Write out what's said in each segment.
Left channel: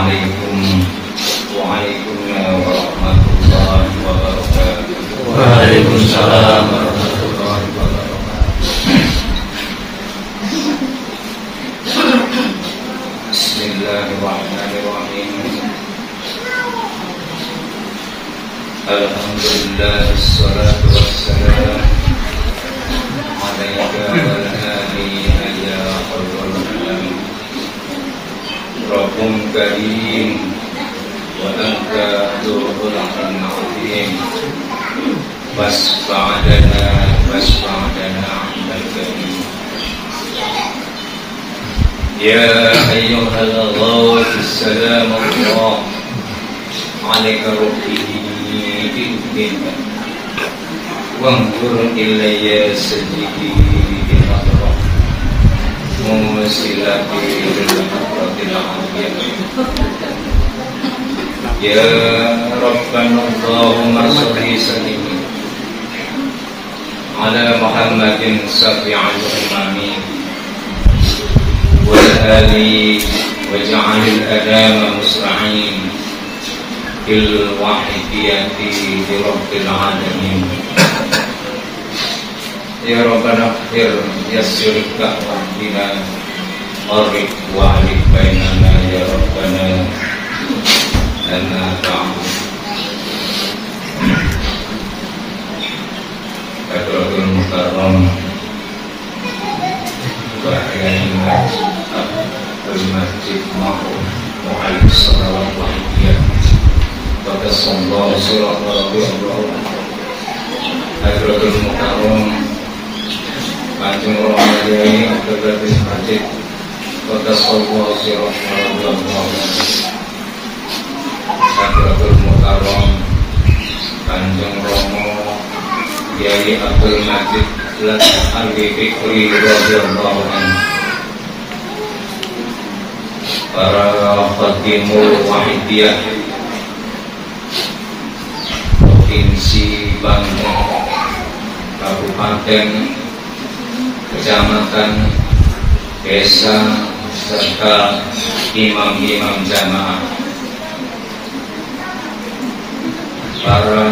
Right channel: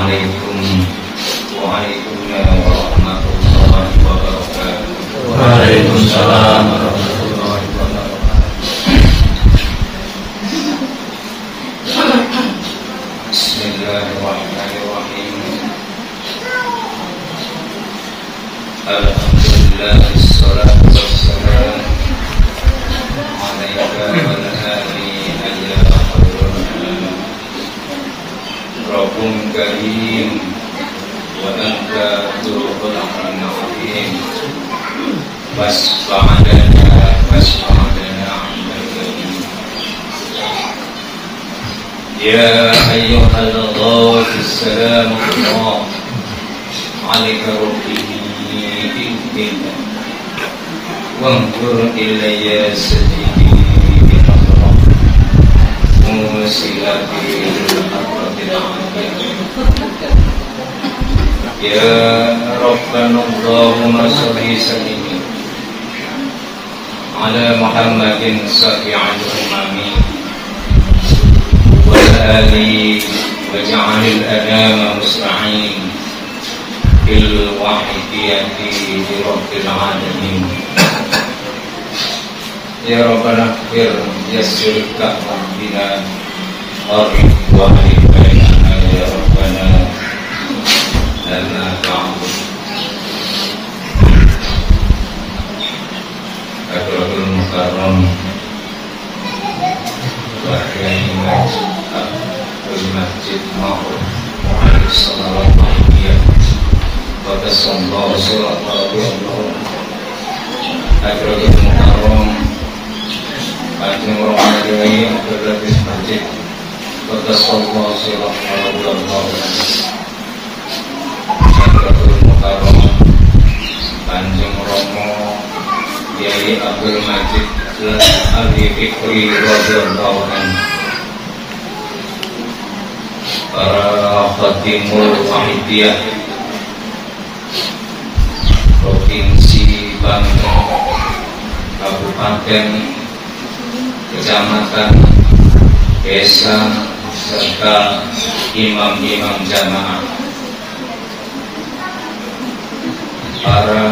Assalamualaikum warahmatullahi wabarakatuh. Waalaikumsalam warahmatullahi wabarakatuh. Bismillahirrahmanirrahim. Alhamdulillah, wassalatu wassalam alaika wal alihi ya khairul anam. Rabbun karim wa anta dzul azim. Wasfa'adana indal karim. Ya ayyuhal salam Allah alaika rabbi wanzur ilayya sajidi bihadram musilati lil-hadratil aliyah. Ya Rabbana Allahumma sholli sallim ala Muhammadin syafi'il umami wal ali waj'alil adama musra'in bil wahidiyati rabbil alamin. Ya Rabbana fir yassir ka'bina qarib wa alif bainana ya Rabbana lana ta'bud. Baikul mukarram bahayina al-masjid ma'ruf wa alaihi salawat wa hidiyah Sallallahu sallallahu Akhiratul Mukarram Panjang Ramadhani Abdul Majid Sallallahu sallallahu Akhiratul Mukarram Panjang Romo Yai Abdul Majid Ali Fikri radhiyallahu anhu. Para khatimul wahidiyah Provinsi Banten, Kabupaten, Kecamatan, Desa, serta imam-imam jamaah, para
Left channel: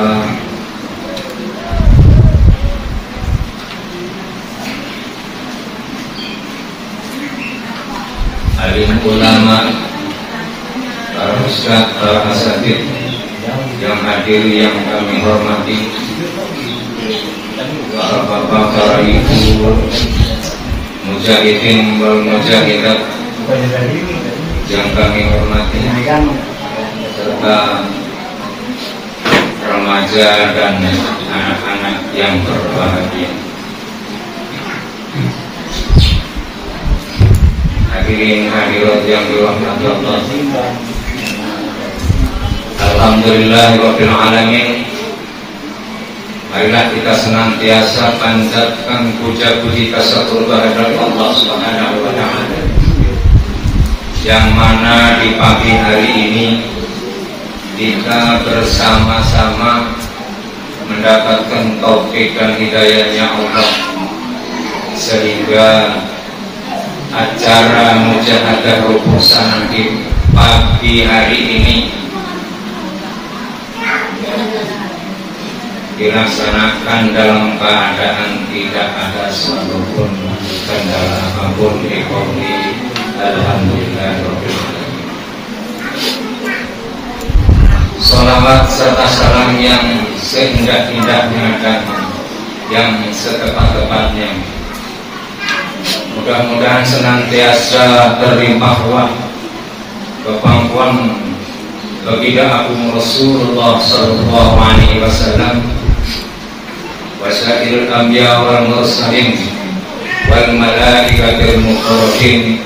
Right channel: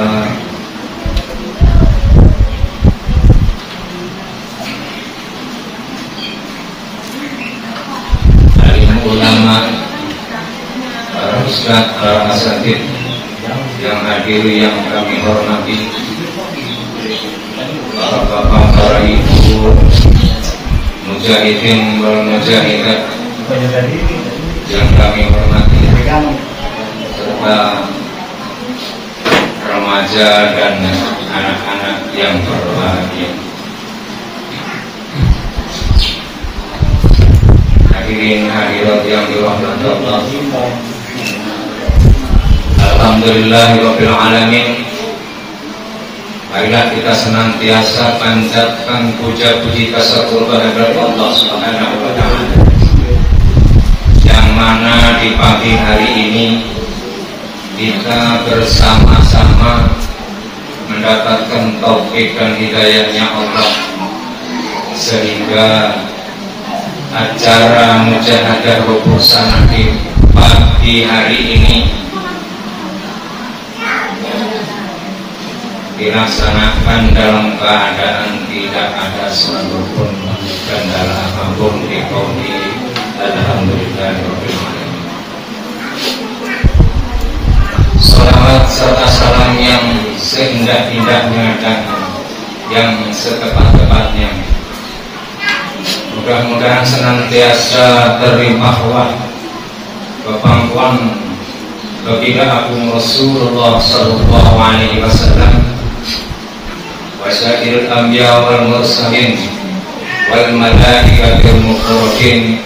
alim ulama, para ustadz, para asatidz yang hadir, yang kami hormati, para bapak, para ibu, mujahidin wal mujahidat yang kami hormati, serta remaja dan anak-anak yang berbahagia. Hadirin hadirat yang dirahmati Allah. Alhamdulillahirabbil alamin. Marilah kita senantiasa panjatkan puja-puji tasakur kehadirat Allah Subhanahu wa taala, yang mana di pagi hari ini kita bersama-sama mendapatkan taufik dan hidayahnya Allah, sehingga acara mujahadah rubusan di pagi hari ini dilaksanakan dalam keadaan tidak ada satupun kendala apapun. Di qauli alhamdulillahirabbil alamin. Salawat serta salam yang seindah-indahnya dan yang setepat-tepatnya mudah-mudahan senantiasa terlimpah kepangkuan baginda Agung Rasulullah sallallahu alaihi wasallam wa syairil anbiya wal mursalin wal malaikatil muqarrabin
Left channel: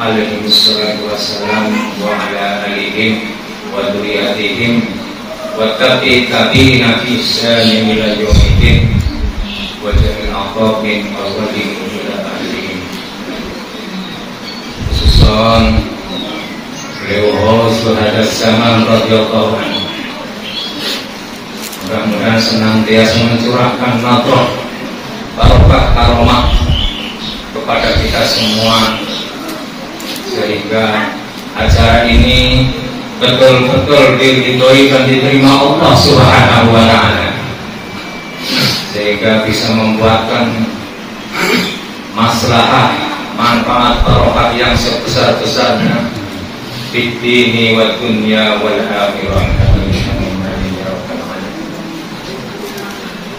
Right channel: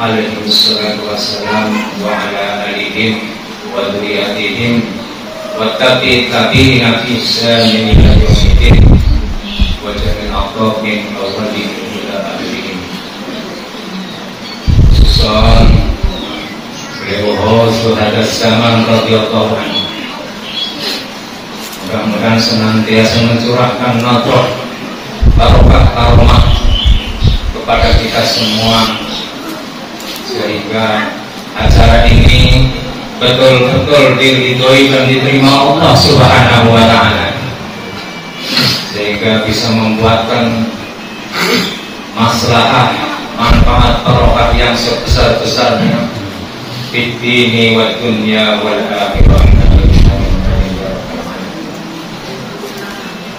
alaihi wassalatu wassalam wa ala alihim wa dzurriyyatihim wa tabi'ina fi ihsanin ila yaumil wa jami'il aqrabin awwalin ila akhirih. Susan beliau sudah zaman radhiyallahu anhu, mudah-mudahan senantiasa mencurahkan nafkah barokah karomah kepada kita semua, sehingga acara ini betul-betul diridhoi dan diterima Allah Subhanahu wa Ta'ala, sehingga bisa membuatkan maslahah, manfaat, barokah yang sebesar-besarnya fid dini wad dunya wal akhirah.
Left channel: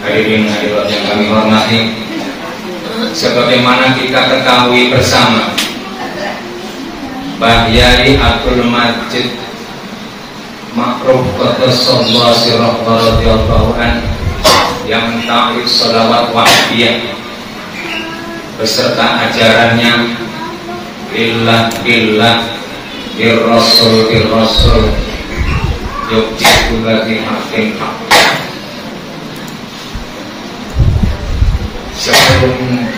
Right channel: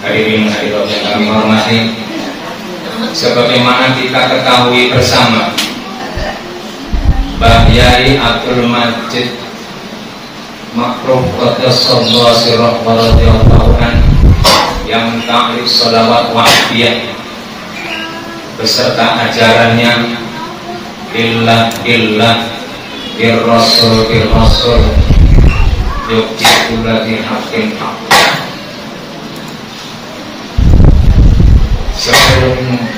Hadirin hadirat yang kami hormati, sebagaimana kita ketahui bersama, Mbah Yai Abdul Majid Makruf Qaddasallahu sirrahu radhiyallahu anhu yang ta'rif sholawat wahdiyah beserta ajarannya billah birrasul yuktikula bihaqqin haqq. Sebelum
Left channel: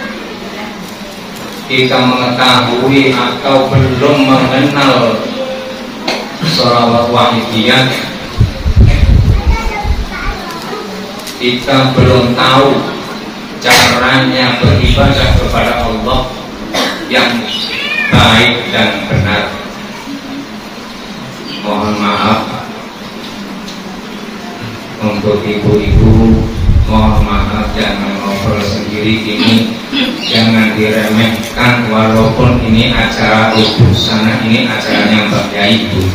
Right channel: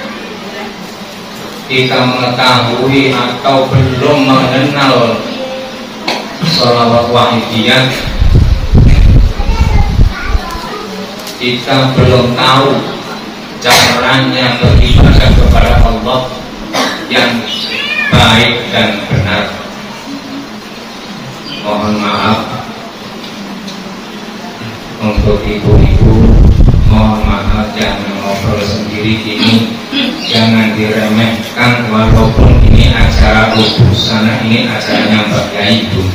kita mengetahui atau belum mengenal sholawat wahdiyah, kita belum tahu caranya beribadah kepada Allah yang baik dan benar. Mohon maaf untuk ibu-ibu, mohon maaf, jangan ngobrol sendiri ini, jangan diremehkan, walaupun ini acara sana, ini acaranya Mbak Yai Bu.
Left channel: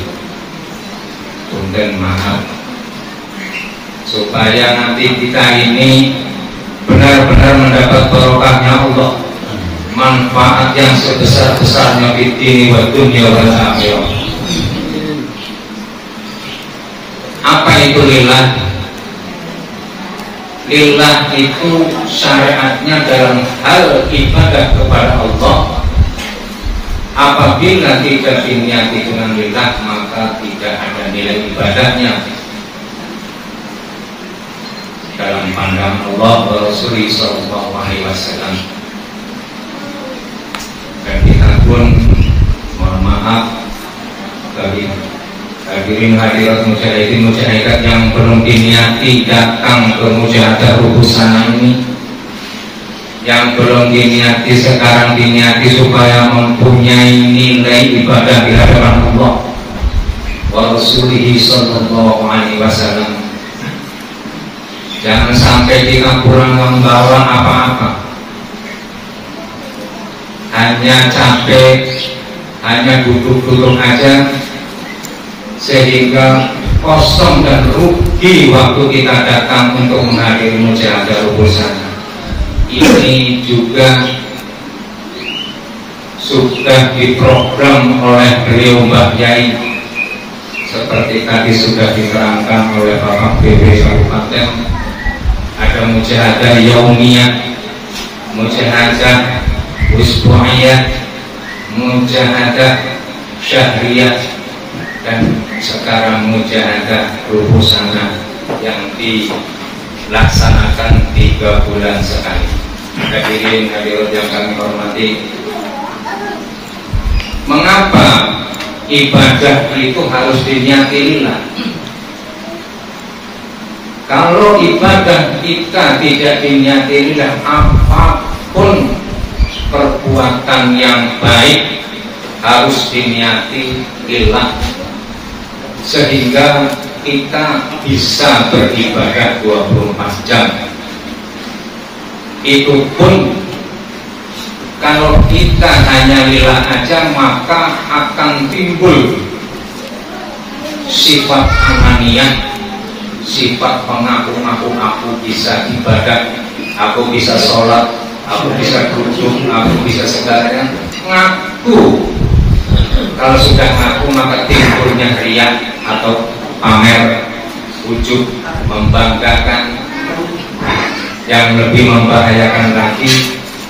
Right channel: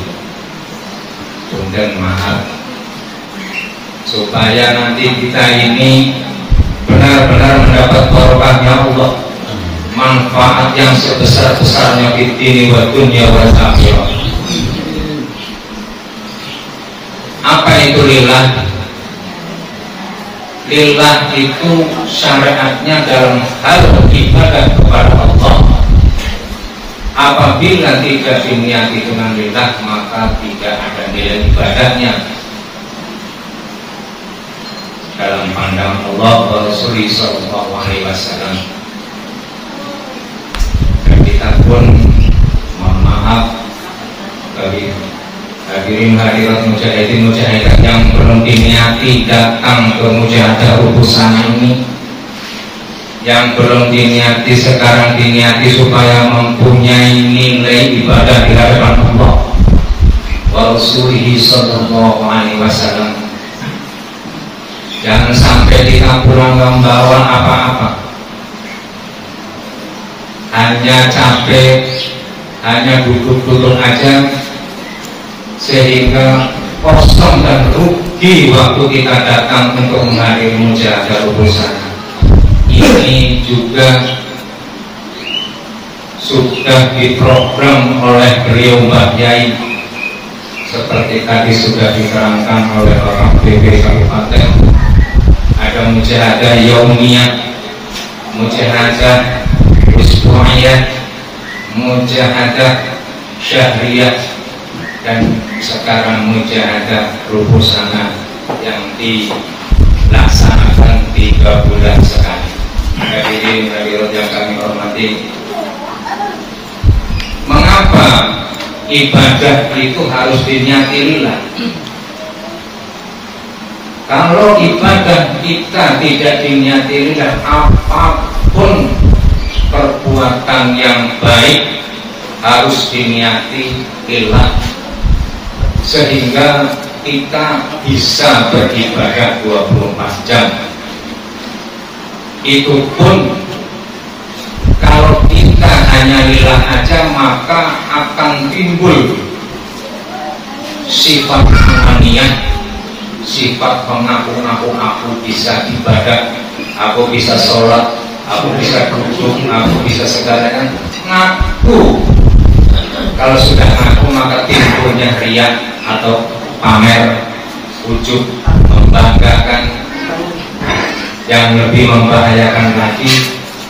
Punten maaf, supaya nanti kita ini benar-benar mendapat barokahnya Allah, manfaat yang sebesar-besarnya di dini wa dunya wal akhirah. Apa itu lillah? Lillah itu syariatnya dalam hal ibadah kepada Allah. Apabila tidak diniati dengan lillah, maka tidak ada nilai ibadahnya dalam pandangan Allah wa Rasulullah sallallahu alaihi wasallam. Dan kita pun mohon maaf bagi hadirin hadirat mujahidin mujahidat yang belum diniati datang ke mujahadah Rubusana ini, yang belum diniati sekarang diniati supaya mempunyai nilai ibadah di hadapan Allah wa Rasulullah sallallahu alaihi wasallam. Jangan sampai kita pulang membawa apa-apa, hanya capek, hanya duduk-duduk aja, sehingga kosong dan rugi waktu kita datang untuk menghadiri mujahadah Rubusana. Ini juga sudah diprogram oleh beliau Mbah Yai, seperti tadi sudah diterangkan oleh Bapak BW Kabupaten. Ada mujahadah yaumiyah, mujahadah usbu'iyah, mujahadah syahriyah, dan sekarang mujahadah Rubusana yang dilaksanakan 3 bulan sekali. Hadirin hadirat yang kami hormati, mengapa ibadah itu harus diniati lillah? Kalau ibadah kita tidak diniati lillah, apapun perbuatan yang baik harus diniati lillah, sehingga kita bisa beribadah 24 jam. Itu pun kalau kita hanya lillah aja, maka akan timbul sifat ananiyah, sifat pengaku-ngaku, aku bisa ibadah, aku bisa sholat, aku bisa duduk, aku bisa segalanya. Ngaku. Kalau sudah ngaku, maka timbulnya riya atau pamer, ujub, membanggakan. Yang lebih membahayakan lagi,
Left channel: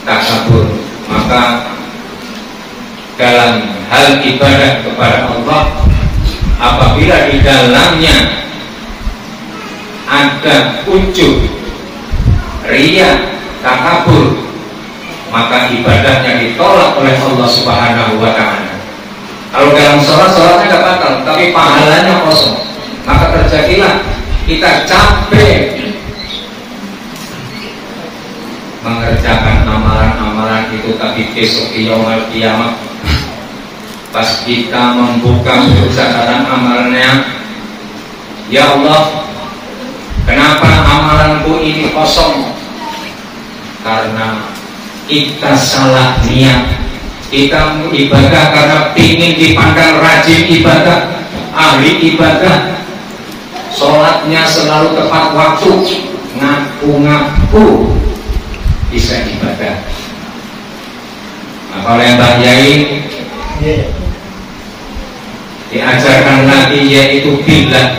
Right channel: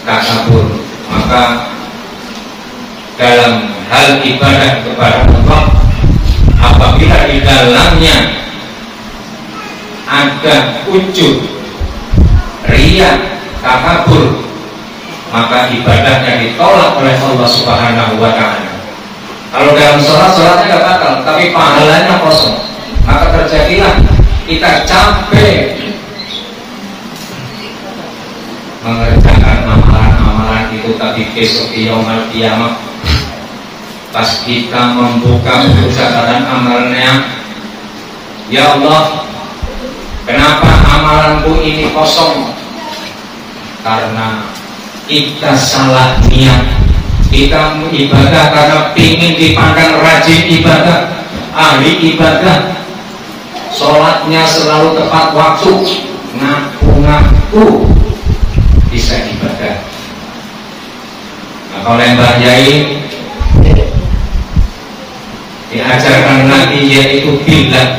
takabur. Maka dalam hal ibadah kepada Allah, apabila di dalamnya ada ujub, riya, takabur, maka ibadahnya ditolak oleh Allah Subhanahu wa Ta'ala. Kalau dalam sholatnya nggak batal, tapi pahalanya kosong. Maka terjadilah kita capek mengerjakan amalan-amalan itu, tapi besok di yaumul kiamat pas kita membuka buku catatan amalnya, ya Allah, kenapa amalanku ini kosong? Karena kita salah niat. Kita ibadah karena ingin dipandang rajin ibadah, ahli ibadah, sholatnya selalu tepat waktu, ngaku-ngaku bisa ibadah. Nah, kalau yang Mbak Yai diajarkan lagi yaitu bila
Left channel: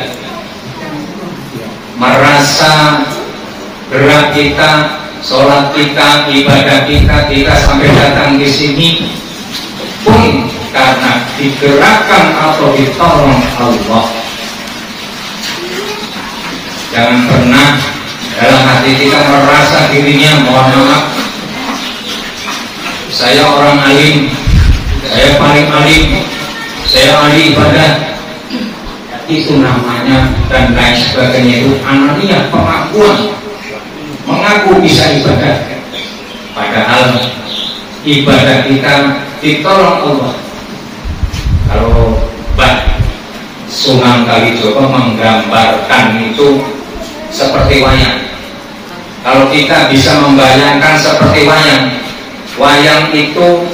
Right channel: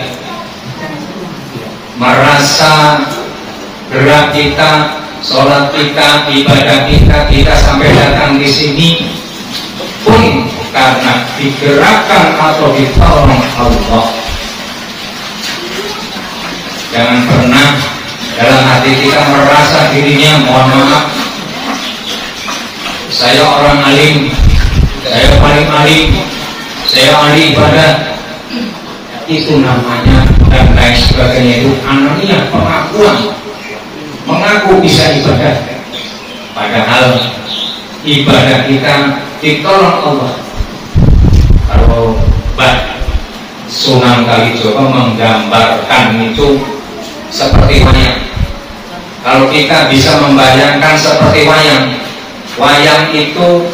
merasa gerak kita, sholat kita, ibadah kita sampai datang di sini pun karena digerakkan atau ditolong Allah. Jangan pernah dalam hati kita merasa dirinya, mohon maaf, saya orang alim, saya paling alim, saya ahli ibadah. Itu namanya dan lain sebagainya itu anania, pengakuan, mengaku bisa ibadah, padahal ibadah kita ditolong Allah. Kalau Mbak Sunan Kalijogo menggambarkan itu seperti wayang. Kalau kita bisa membayangkan seperti wayang, wayang itu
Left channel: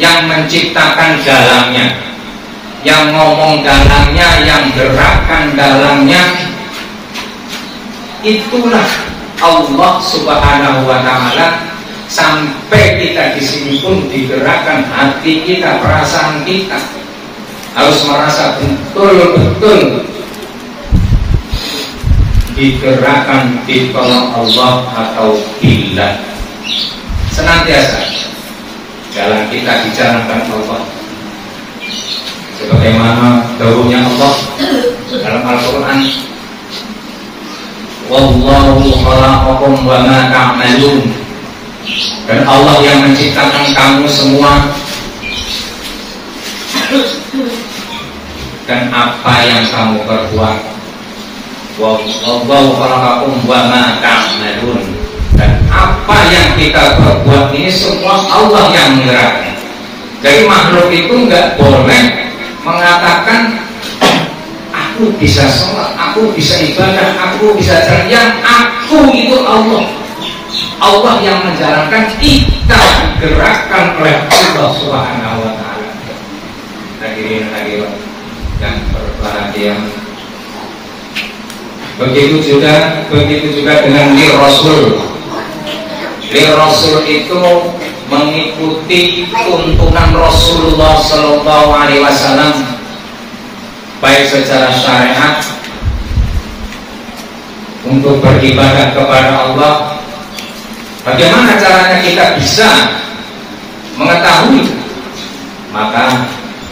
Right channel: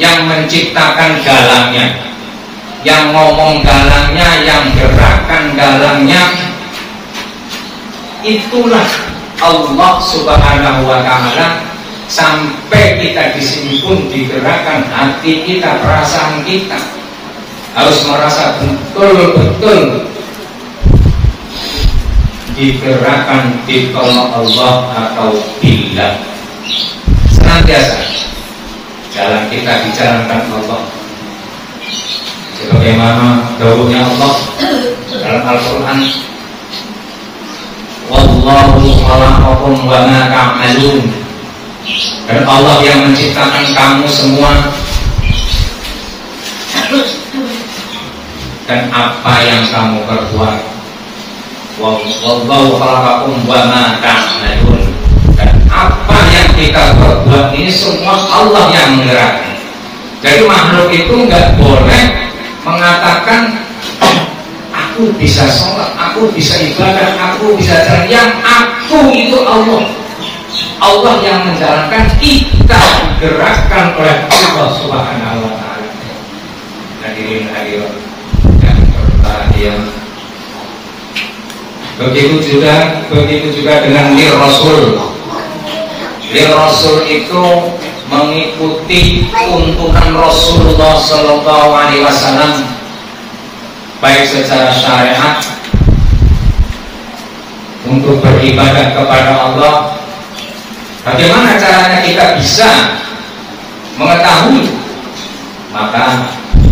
yang menciptakan dalangnya, yang ngomong dalangnya, yang gerakan dalangnya, itulah Allah Subhanahu wa Ta'ala. Sampai kita di sini pun digerakkan hati kita, perasaan kita harus merasa betul-betul digerakkan, ditolong Allah atau billah. Senantiasa jalan kita dijalankan Allah sebagaimana dahulunya Allah dalam Al-Quran, wallahu khalaqakum wa ma ta'malun, dan Allah yang menciptakan kamu semua dan apa yang kamu perbuat. Wallahu khalaqakum wa ma ta'malun, dan apa yang kita perbuat ini semua Allah yang menggerakkan. Jadi makhluk itu nggak boleh mengatakan aku bisa sholat, aku bisa ibadah, aku bisa ceria. Aku itu Allah. Allah yang menjalankan, kita digerakkan oleh Allah Subhanahu wa Ta'ala. Hadirin hadirat yang berbahagia, begitu juga dengan li Rasul. Li Rasul itu mengikuti tuntunan Rasulullah Sallallahu Alaihi Wasallam, baik secara syariat untuk beribadah kepada Allah. Bagaimana caranya kita bisa mengetahui? Maka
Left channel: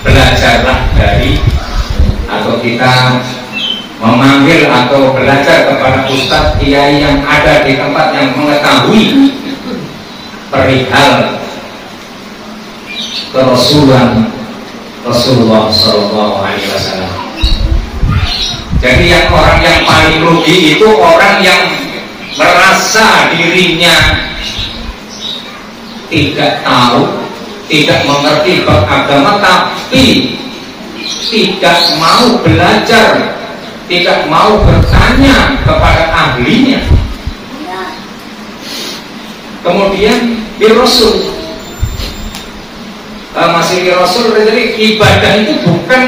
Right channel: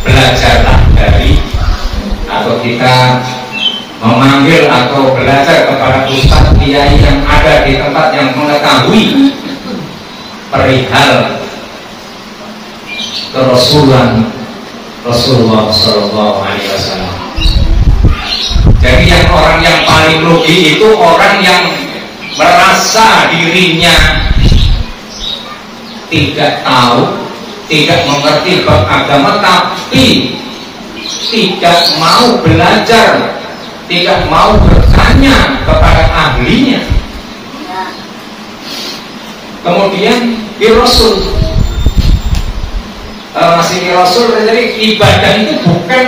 belajarlah dari, atau kita memanggil atau belajar kepada ustaz kiai yang ada di tempat yang mengetahui perihal kerasulan Rasulullah Sallallahu Alaihi Wasallam. Jadi orang yang paling rugi itu orang yang merasa dirinya tidak tahu, tidak mengerti bab agama, tapi tidak mau belajar, tidak mau bertanya kepada ahlinya. Kemudian di Rasul, masih di Rasul, jadi ibadah itu bukan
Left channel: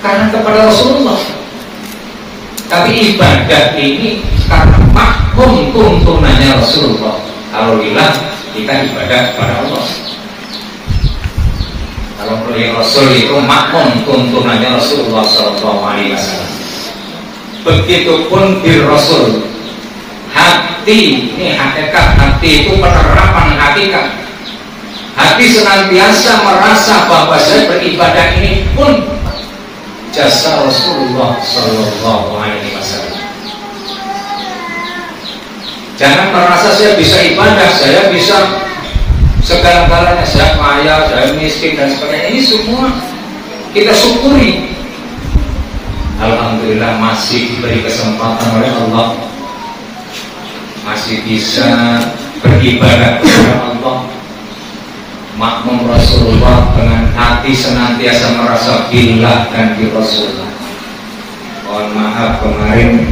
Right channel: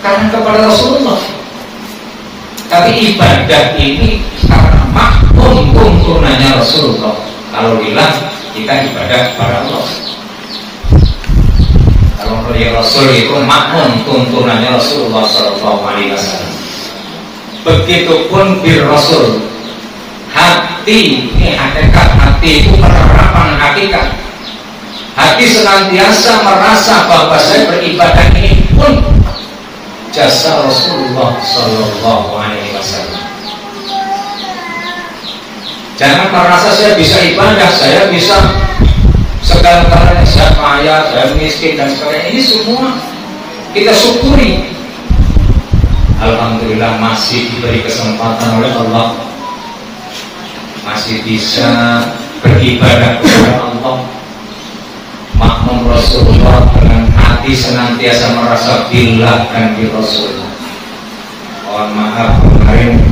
karena kepada Rasulullah, tapi ibadah ini karena makmum tuntunannya Rasulullah. Kalau lillah, kita ibadah kepada Allah. Kalau di Rasul itu makmum tuntunannya Rasulullah Sallallahu Alaihi Wasallam. Begitupun di Rasul, hati ini hakikat, hati itu penerapan hakikat. Hati senantiasa merasa bahwa saya beribadah ini pun jasa Rasulullah Sallallahu Alaihi Wasallam. Jangan merasa saya bisa ibadah, saya bisa segala-galanya, saya kaya, saya miskin dan sebagainya. Ini semua kita syukuri. Alhamdulillah masih diberi kesempatan oleh Allah, masih bisa beribadah kepada Allah, makmum Rasulullah dengan hati hati senantiasa merasa billah dan bi Rasul. Mohon maaf kemarin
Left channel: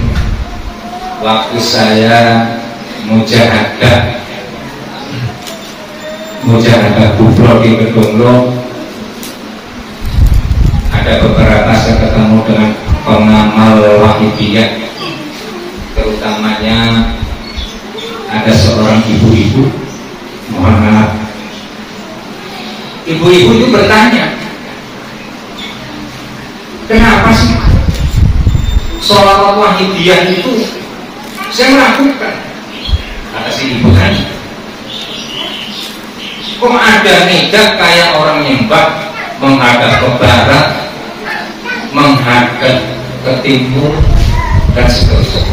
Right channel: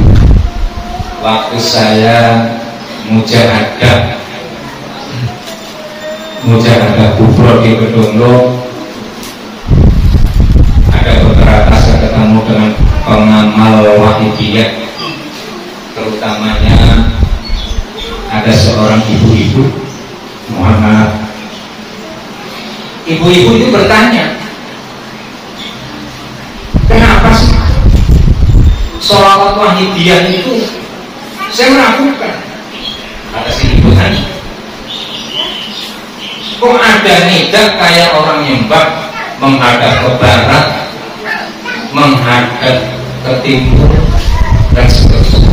waktu saya mujahadah kubro di Kedunglo, ada beberapa saya ketemu dengan pengamal Wahidiyah, terutamanya ada seorang ibu-ibu. Mohon maaf, ibu-ibu itu bertanya, kenapa sih sholawat Wahidiyah itu saya meragukan? Kata si ibu tadi, kok ada nidak kayak orang nyembah menghadap ke barat, menghadap ke timur, dan seterusnya.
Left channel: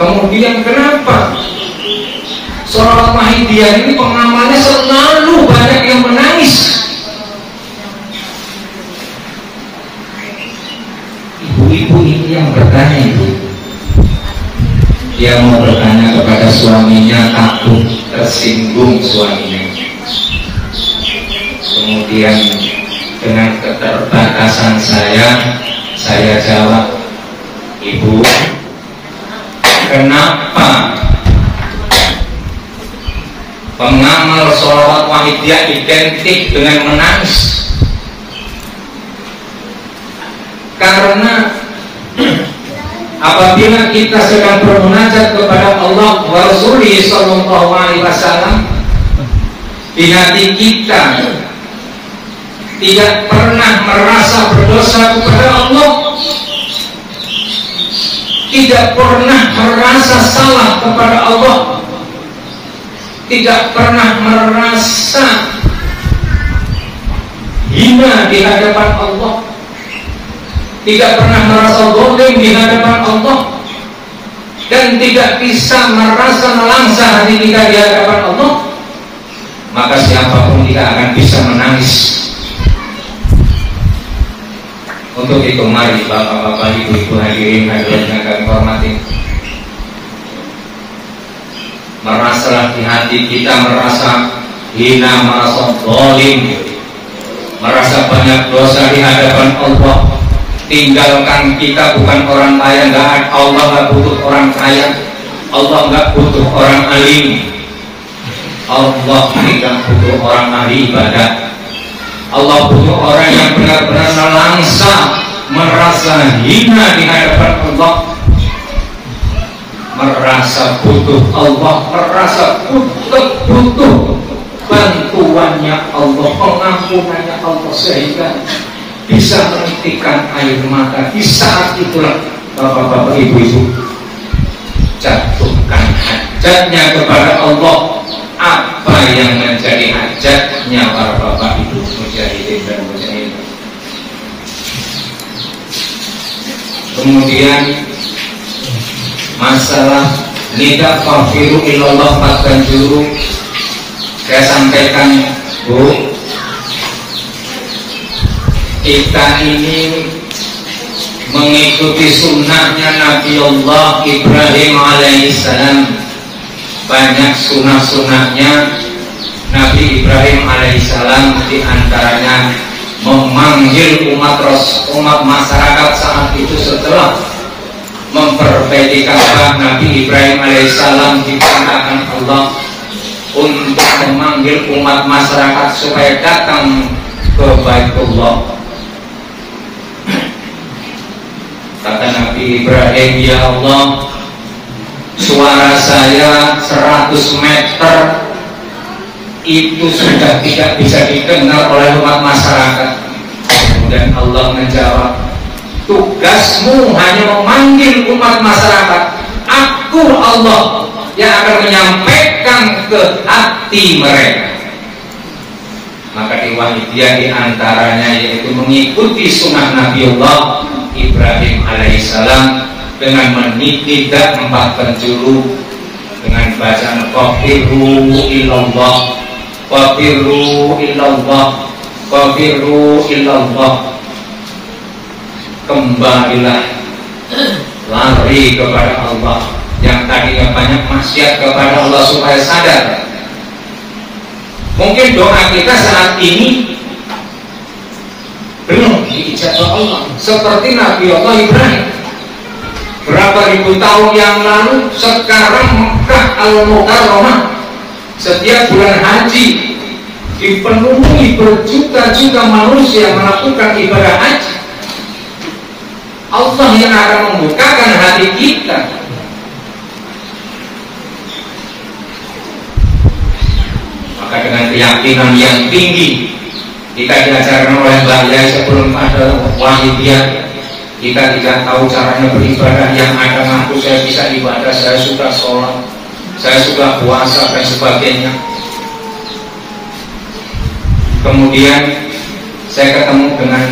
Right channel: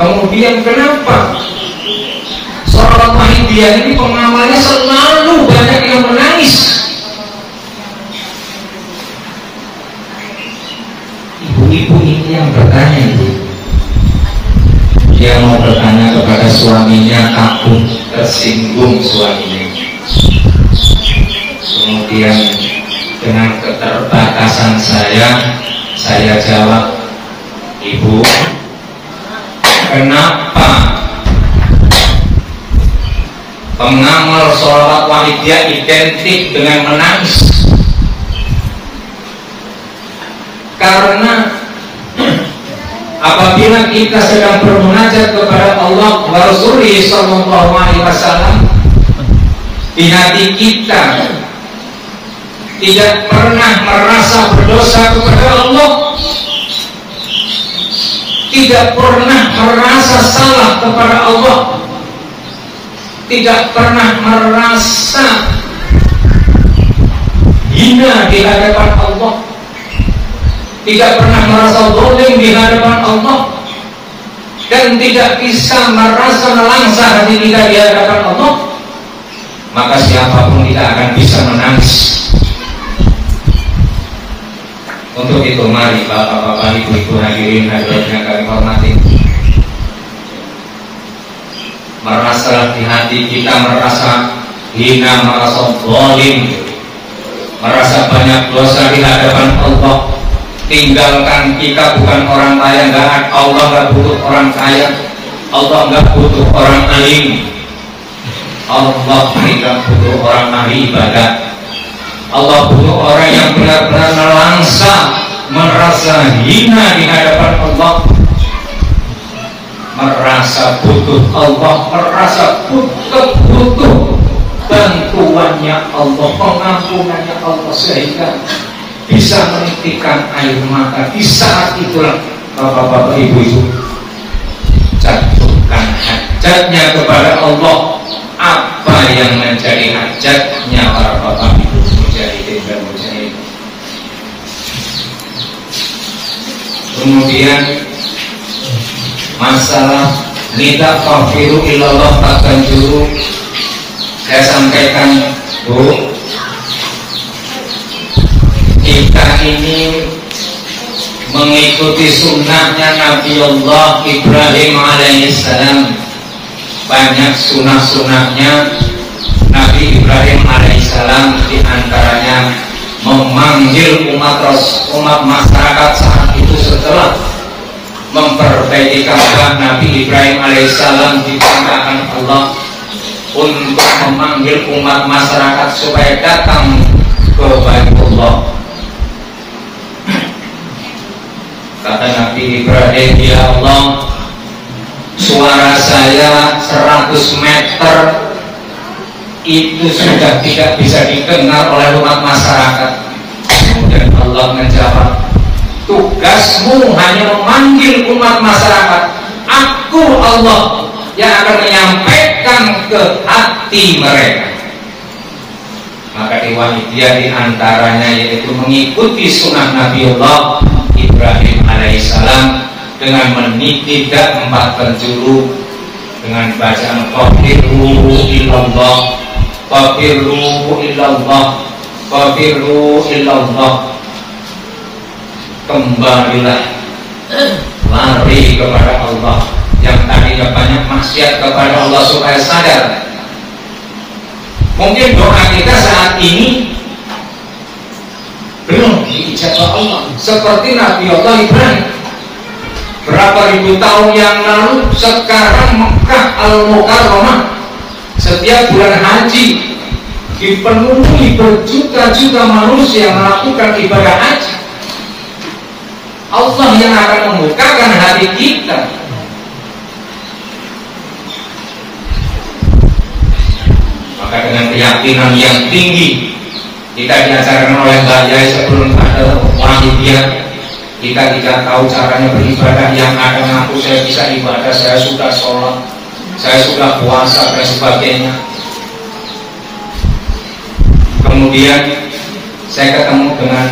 Kemudian kenapa sholawat Wahidiyah ini pengamalnya selalu banyak yang menangis? Ibu-ibu ini yang bertanya, dia mau bertanya kepada suaminya, takut tersinggung suaminya. Kemudian dengan keterbatasan saya jawab, Ibu, kenapa pengamal sholawat Wahidiyah identik dengan menangis? Karena apabila kita sedang bermunajat kepada Allah wa Rasulih sallallahu alaihi wasallam, di hati kita tidak pernah merasa berdosa kepada Allah, tidak pernah merasa salah kepada Allah, tidak pernah merasa hina di hadapan Allah, tidak pernah merasa zalim di hadapan Allah, dan tidak bisa merasa nelangsa hati kita di hadapan Allah, maka siapapun tidak akan bisa menangis. Untuk itu mari bapak-bapak, ibu-ibu, hadirin hadirat yang kami hormati, merasa di hati kita merasa hina, merasa zalim, merasa banyak dosa di hadapan Allah. Tinggalkan, kita bukan orang kaya, enggak. Allah enggak butuh orang kaya, Allah enggak butuh orang alim, Allah tidak butuh orang ahli ibadah. Allah butuh orang yang benar-benar nelangsa, merasa hina di hadapan Allah, merasa butuh Allah, merasa butuh bantuannya Allah, pengampunannya Allah, sehingga bisa menitikan air mata. Di saat itulah bapak-bapak, ibu-ibu, jatuhkan hajatnya kepada Allah. Apa yang menjadi hajatnya para bapak ibu mujahidin dan mujahidin? Kemudian masalah nidak fafiru ilallah takkan juru, saya sampaikan, Bu, kita ini mengikuti sunnahnya Nabi Allah Ibrahim alaihissalam. Banyak sunnah-sunnahnya Nabi Ibrahim alaihissalam, diantaranya memanggil umat masyarakat saat itu setelah memperbaiki Ka'bah. Nabi Ibrahim alaihissalam diperintahkan Allah untuk memanggil umat masyarakat supaya datang ke Baitullah. Kata Nabi Ibrahim, ya Allah, suara saya 100 meter itu sudah tidak bisa didengar oleh umat masyarakat. Kemudian Allah menjawab, tugasmu hanya memanggil umat masyarakat, aku Allah yang akan menyampaikan ke hati mereka. Maka di Wahidiyah diantaranya yaitu mengikuti sunnah Nabi Allah Ibrahim alaihissalam dengan menitidak 4 penjuru, dengan bacaan qafiru ilallah, qafiru ilallah, qafiru ilallah. Kembalilah, lari kepada Allah. Yang tadinya banyak maksiat kepada Allah supaya sadar, Mungkin doa kita saat ini belum diijabah Allah. Seperti Nabi Allah Ibrahim, berapa ribu tahun yang lalu, sekarang Mekah Al-Mukarramah setiap bulan haji dipenuhi berjuta-juta manusia melakukan ibadah haji. Allah yang akan membukakan hati kita. Maka dengan keyakinan yang tinggi kita diajarkan oleh Mbak Yai sebelum ada Wahidiyah, kita tidak tahu caranya beribadah, yang ada ngaku saya bisa ibadah, saya sudah sholat, saya sudah puasa dan sebagainya. Kemudian saya ketemu dengan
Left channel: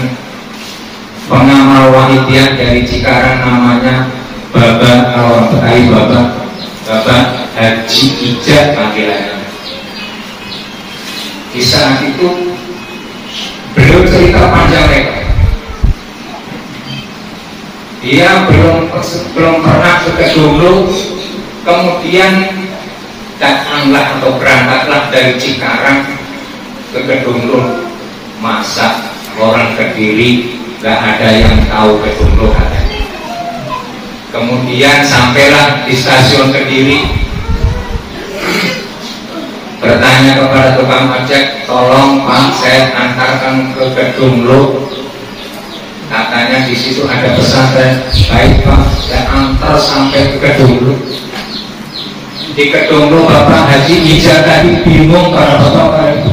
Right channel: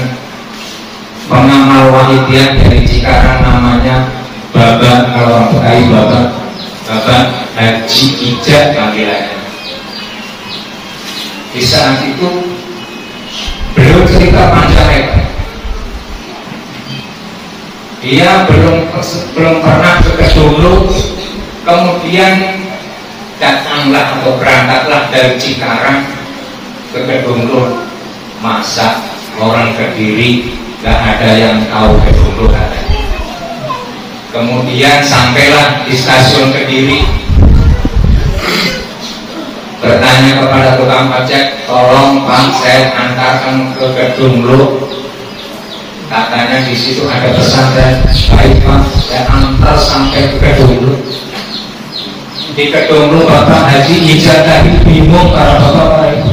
pengamal Wahidiyah dari Cikarang, namanya Bapak, kalau orang Betawi Bapak Haji Ijat panggilannya. Di saat itu beliau cerita panjang lebar. Dia belum pernah ke Kedunglo, kemudian datanglah atau berangkatlah dari Cikarang ke Kedunglo. Masa orang Kediri gak ada yang tahu Kedunglo katanya. Kemudian sampailah di stasiun Kediri, bertanya kepada tukang ojek, tolong Pak, saya antarkan ke Kedunglo. Katanya di situ ada pesantren. Baik Pak, saya antar sampai ke Kedunglo. Di Kedunglo Bapak Haji Ijat tadi bingung para bapak ibu.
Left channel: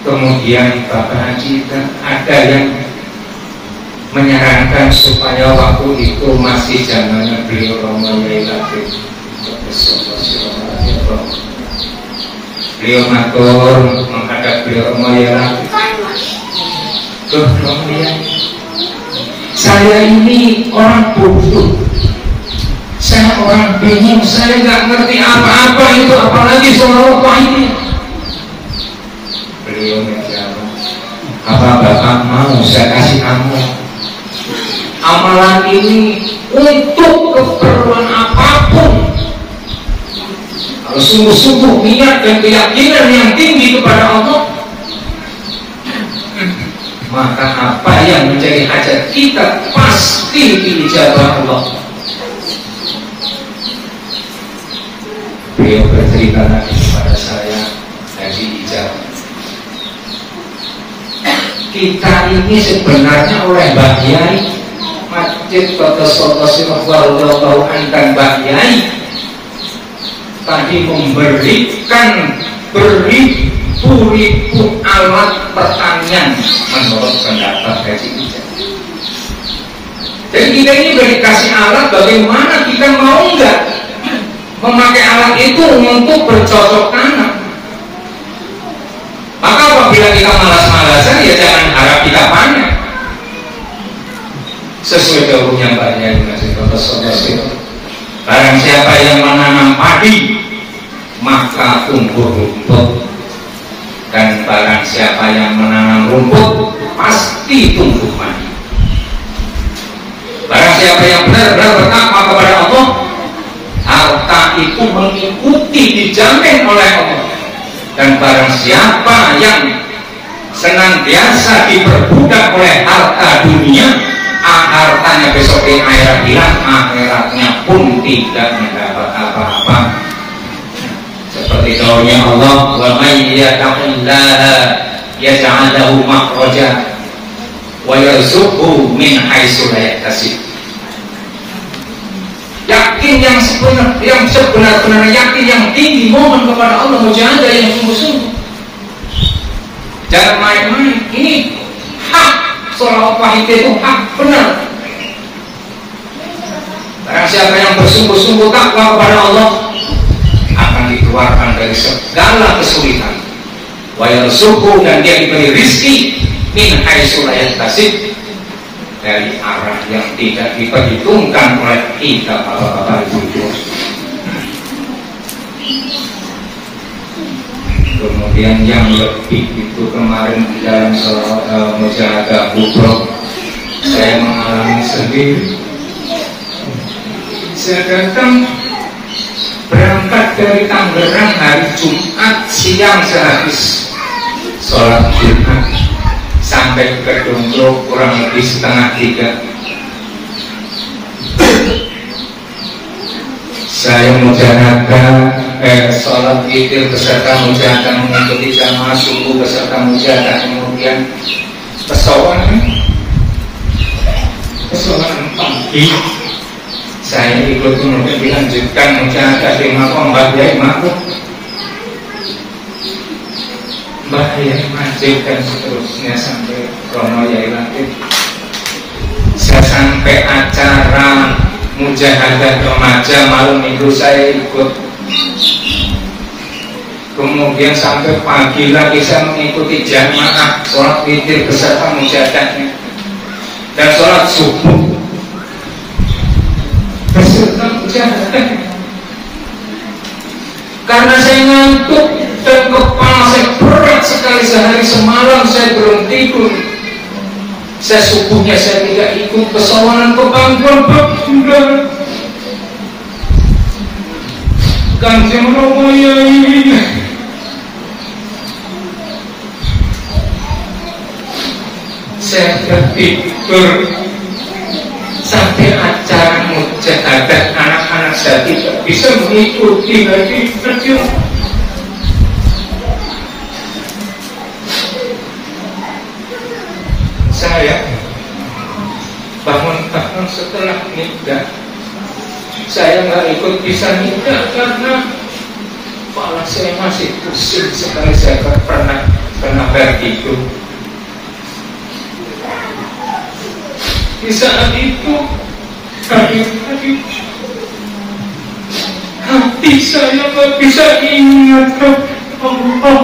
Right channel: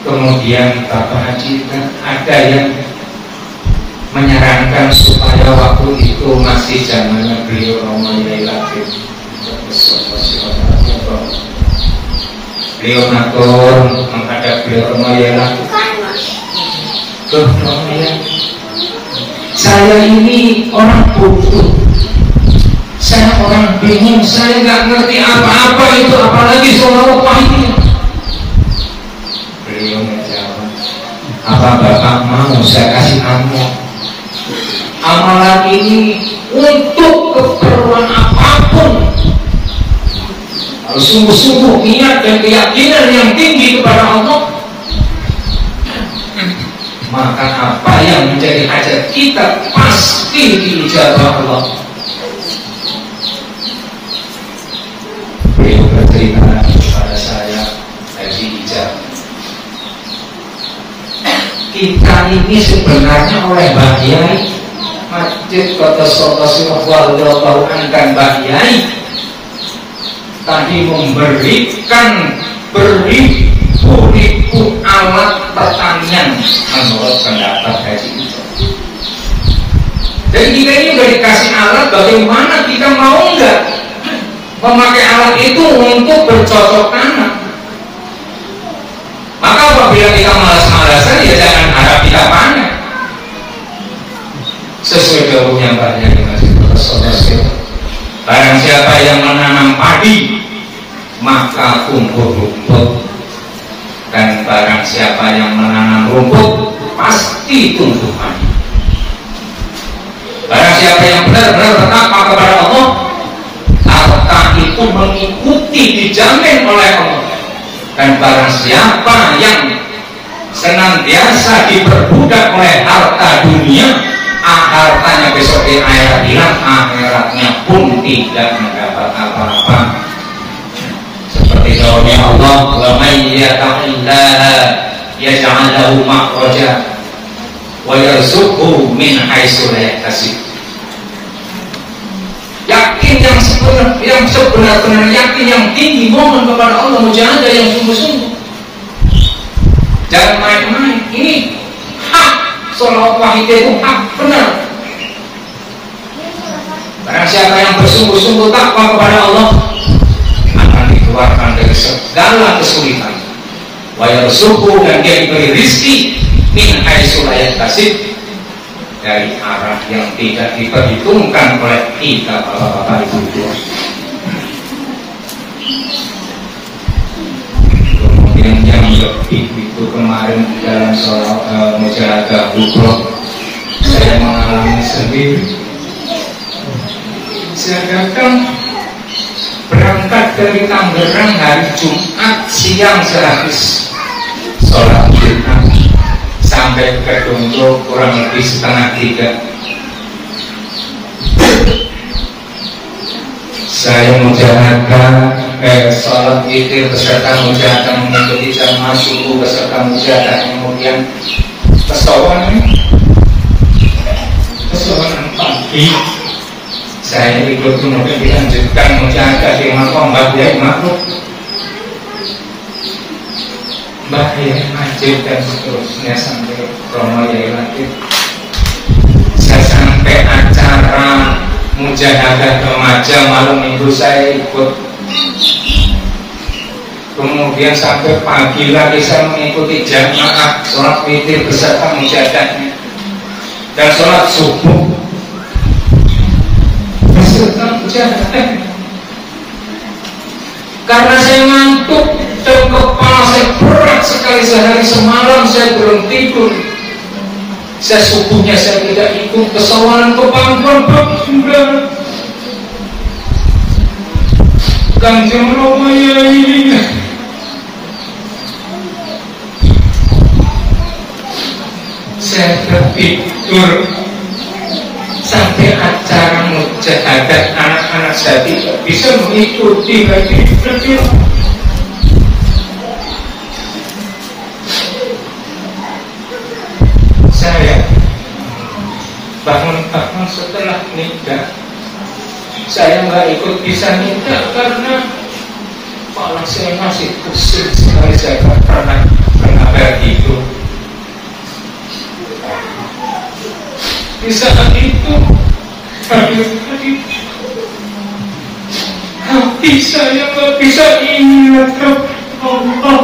Kemudian Bapak Haji ada yang menyarankan supaya waktu itu masih zamannya beliau Romo Yai Latif. Beliau matur menghadap beliau Romo Yai Latif. Romo Yai, saya ini orang bodoh, saya orang bingung, saya nggak ngerti apa-apa itu, apalagi soal apa ini. Beliau menjawab, apa Bapak mau saya kasih amal? Amalan ini untuk keperluan apapun, harus sungguh-sungguh niat dan keyakinan yang tinggi kepada Allah, maka apa yang menjadi hajat kita pasti diijabah Allah. Beliau bercerita lagi kepada saya, Haji Ijab, kita ini sebenarnya oleh Mbah Yai Masjid Kota Solo Wallahu Ankan Mbah Yai tadi memberikan beribu-ribu alat pertanian menurut pendapat Haji Ijat. Dan kita ini udah dikasih alat, bagaimana kita mau nggak memakai alat itu untuk bercocok tanam? Maka apabila kita malas-malasan, ya jangan harap kita panen. Sesuai dawuhnya Mbak Yai Masjid Kota Solo, barang siapa yang menanam padi maka tumbuh rumput, dan barang siapa yang menanam rumput pasti tumbuh padi. Barang siapa yang benar-benar bertakwa kepada Allah, harta itu mengikuti, dijamin oleh Allah. Dan barang siapa yang senantiasa diperbudak oleh harta dunia, hartanya besok di akhirat hilang, akhiratnya pun tidak mendapat apa-apa. Seperti dawuhnya Allah, wa may yattaqillaha yaj'al lahu makhraja wa yarzuqhu min haitsu la yahtasib. Yakin yang sebenar-benar yakin yang tinggi, mohon kepada Allah mujahadah yang sungguh-sungguh. Jangan main-main. Ini hak, sholawat wahid itu hak benar. Barang siapa yang bersungguh-sungguh takwa kepada Allah akan dikeluarkan dari segala kesulitan. Wa yarzuqhu, dan dia diberi rizki min haitsu la yahtasib, dari arah yang tidak diperhitungkan oleh kita bapak-bapak ibu. Kemudian yang lebih itu kemarin di dalam mujahadah kubro saya mengalami sendiri. Saya datang dari Tangerang hari Jumat siang sehabis sholat Jumat sampai ke Dongkro kurang lebih 2:30. Saya mujahadah sholat witir beserta mujahadah mengikuti jamaah subuh beserta mujahadah, kemudian kesowan pagi saya ikut kemudian dilanjutkan mujahadah di makom Mbah Yai Ma'ruf, Mbah Yai Majid dan seterusnya sampai Romo Yai Latif. Saya sampai acara mujahadah remaja malam minggu saya ikut, kemudian sampai pagi lagi saya mengikuti jamaah sholat witir beserta mujahadahnya dan sholat subuh beserta mujahadahnya. Karena saya ngantuk dan kepala saya berat sekali sehari semalam saya belum tidur. Saya subuhnya saya tidak ikut kesawalan ke pangkuan baginda Kanjeng Romo Yai. Saya tertidur sampai acara mujahadah anak-anak saya tidak bisa mengikuti lagi. Saya bangun-bangun setelah nikah, saya nggak ikut bisa nikah karena kepala saya masih pusing sekali. Saya pernah begitu. Di saat itu hati saya nggak bisa ingat Allah.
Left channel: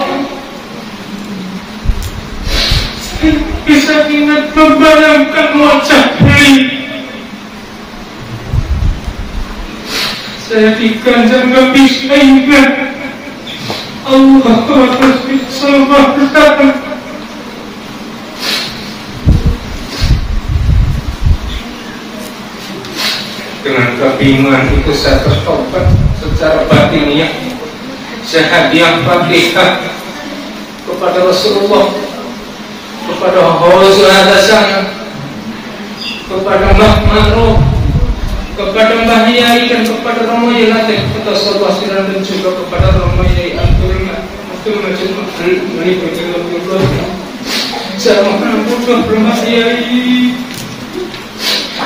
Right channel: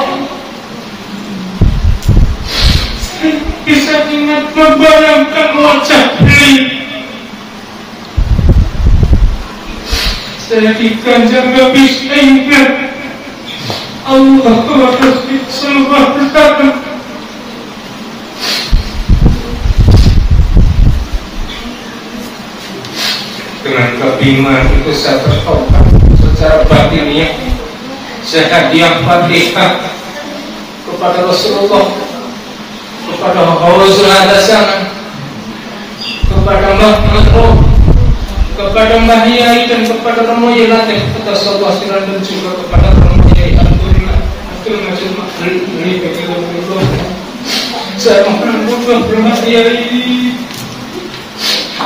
Bisa ingat membayangkan wajah beliau. Saya diganjar gak bisa ingat Allah Rasul Sallallahu Alaihi Wasallam. Dengan kebingungan itu saya bertobat secara batiniah. Saya hadiah Fatihah kepada Rasulullah, kepada Hausul Hadasan, kepada Mbah Ma'ruf, kepada Mbah Yai dan kepada Romo Yai Latif, kepada Sallallahu Siran dan juga kepada Romo Yai Abdul Majid Makri. Saya mohon Mbah Yai,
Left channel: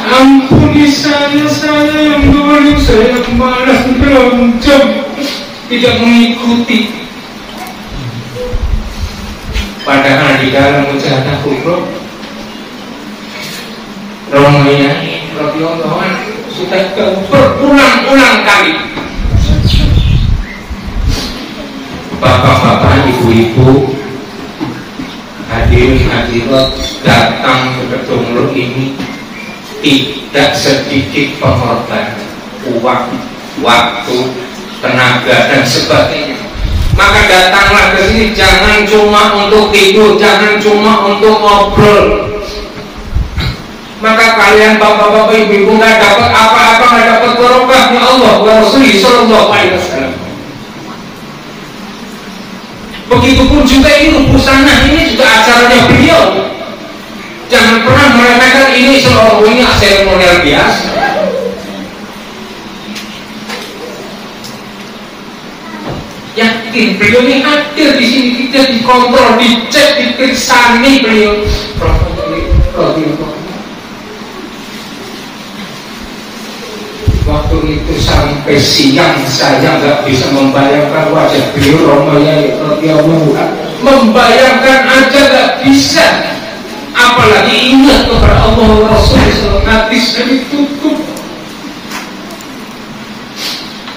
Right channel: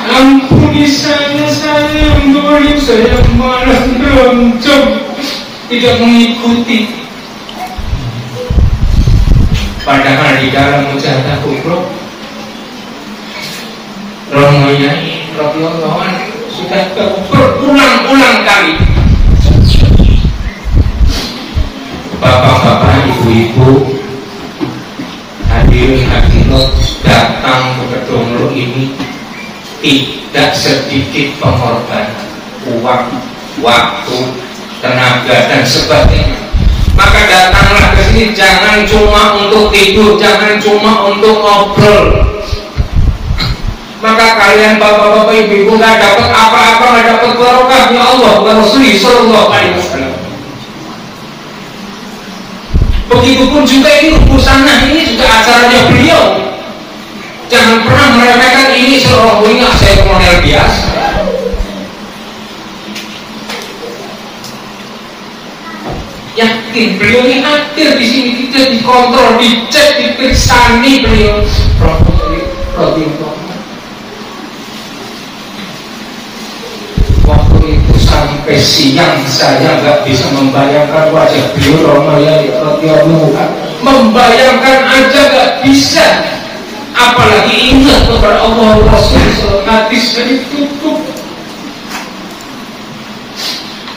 ampuni saya yang dolim, saya malah berontak tidak mengikuti. Padahal di dalam mujahadah kubro Romo Yai radhiyallahu anhu sudah berulang-ulang kali bapak-bapak, ibu-ibu, hadirin hadirat datang ke Kedongro ini tidak sedikit pengorbanan uang, waktu, tenaga dan sebagainya. Maka datanglah ke sini jangan cuma untuk tidur, jangan cuma untuk ngobrol. Maka kalian bapak-bapak, ibu-ibu nggak dapat apa-apa, nggak dapat barokahnya Allah wa Rasulullah Sallallahu Alaihi Wasallam. Begitupun juga ini urusannya, ini juga acaranya beliau. Jangan pernah meremehkan ini seolah ini seremonial biasa. Yakin beliau ini hadir di sini, tidak dikontrol, dicek, diperiksani beliau. Waktu itu sampai siang saya nggak bisa membayangkan wajah beliau. Romo Yai radhiyallahu anhu membayangkan aja nggak bisa, apalagi ingat kepada Allah Rasul. Hati saya tutup.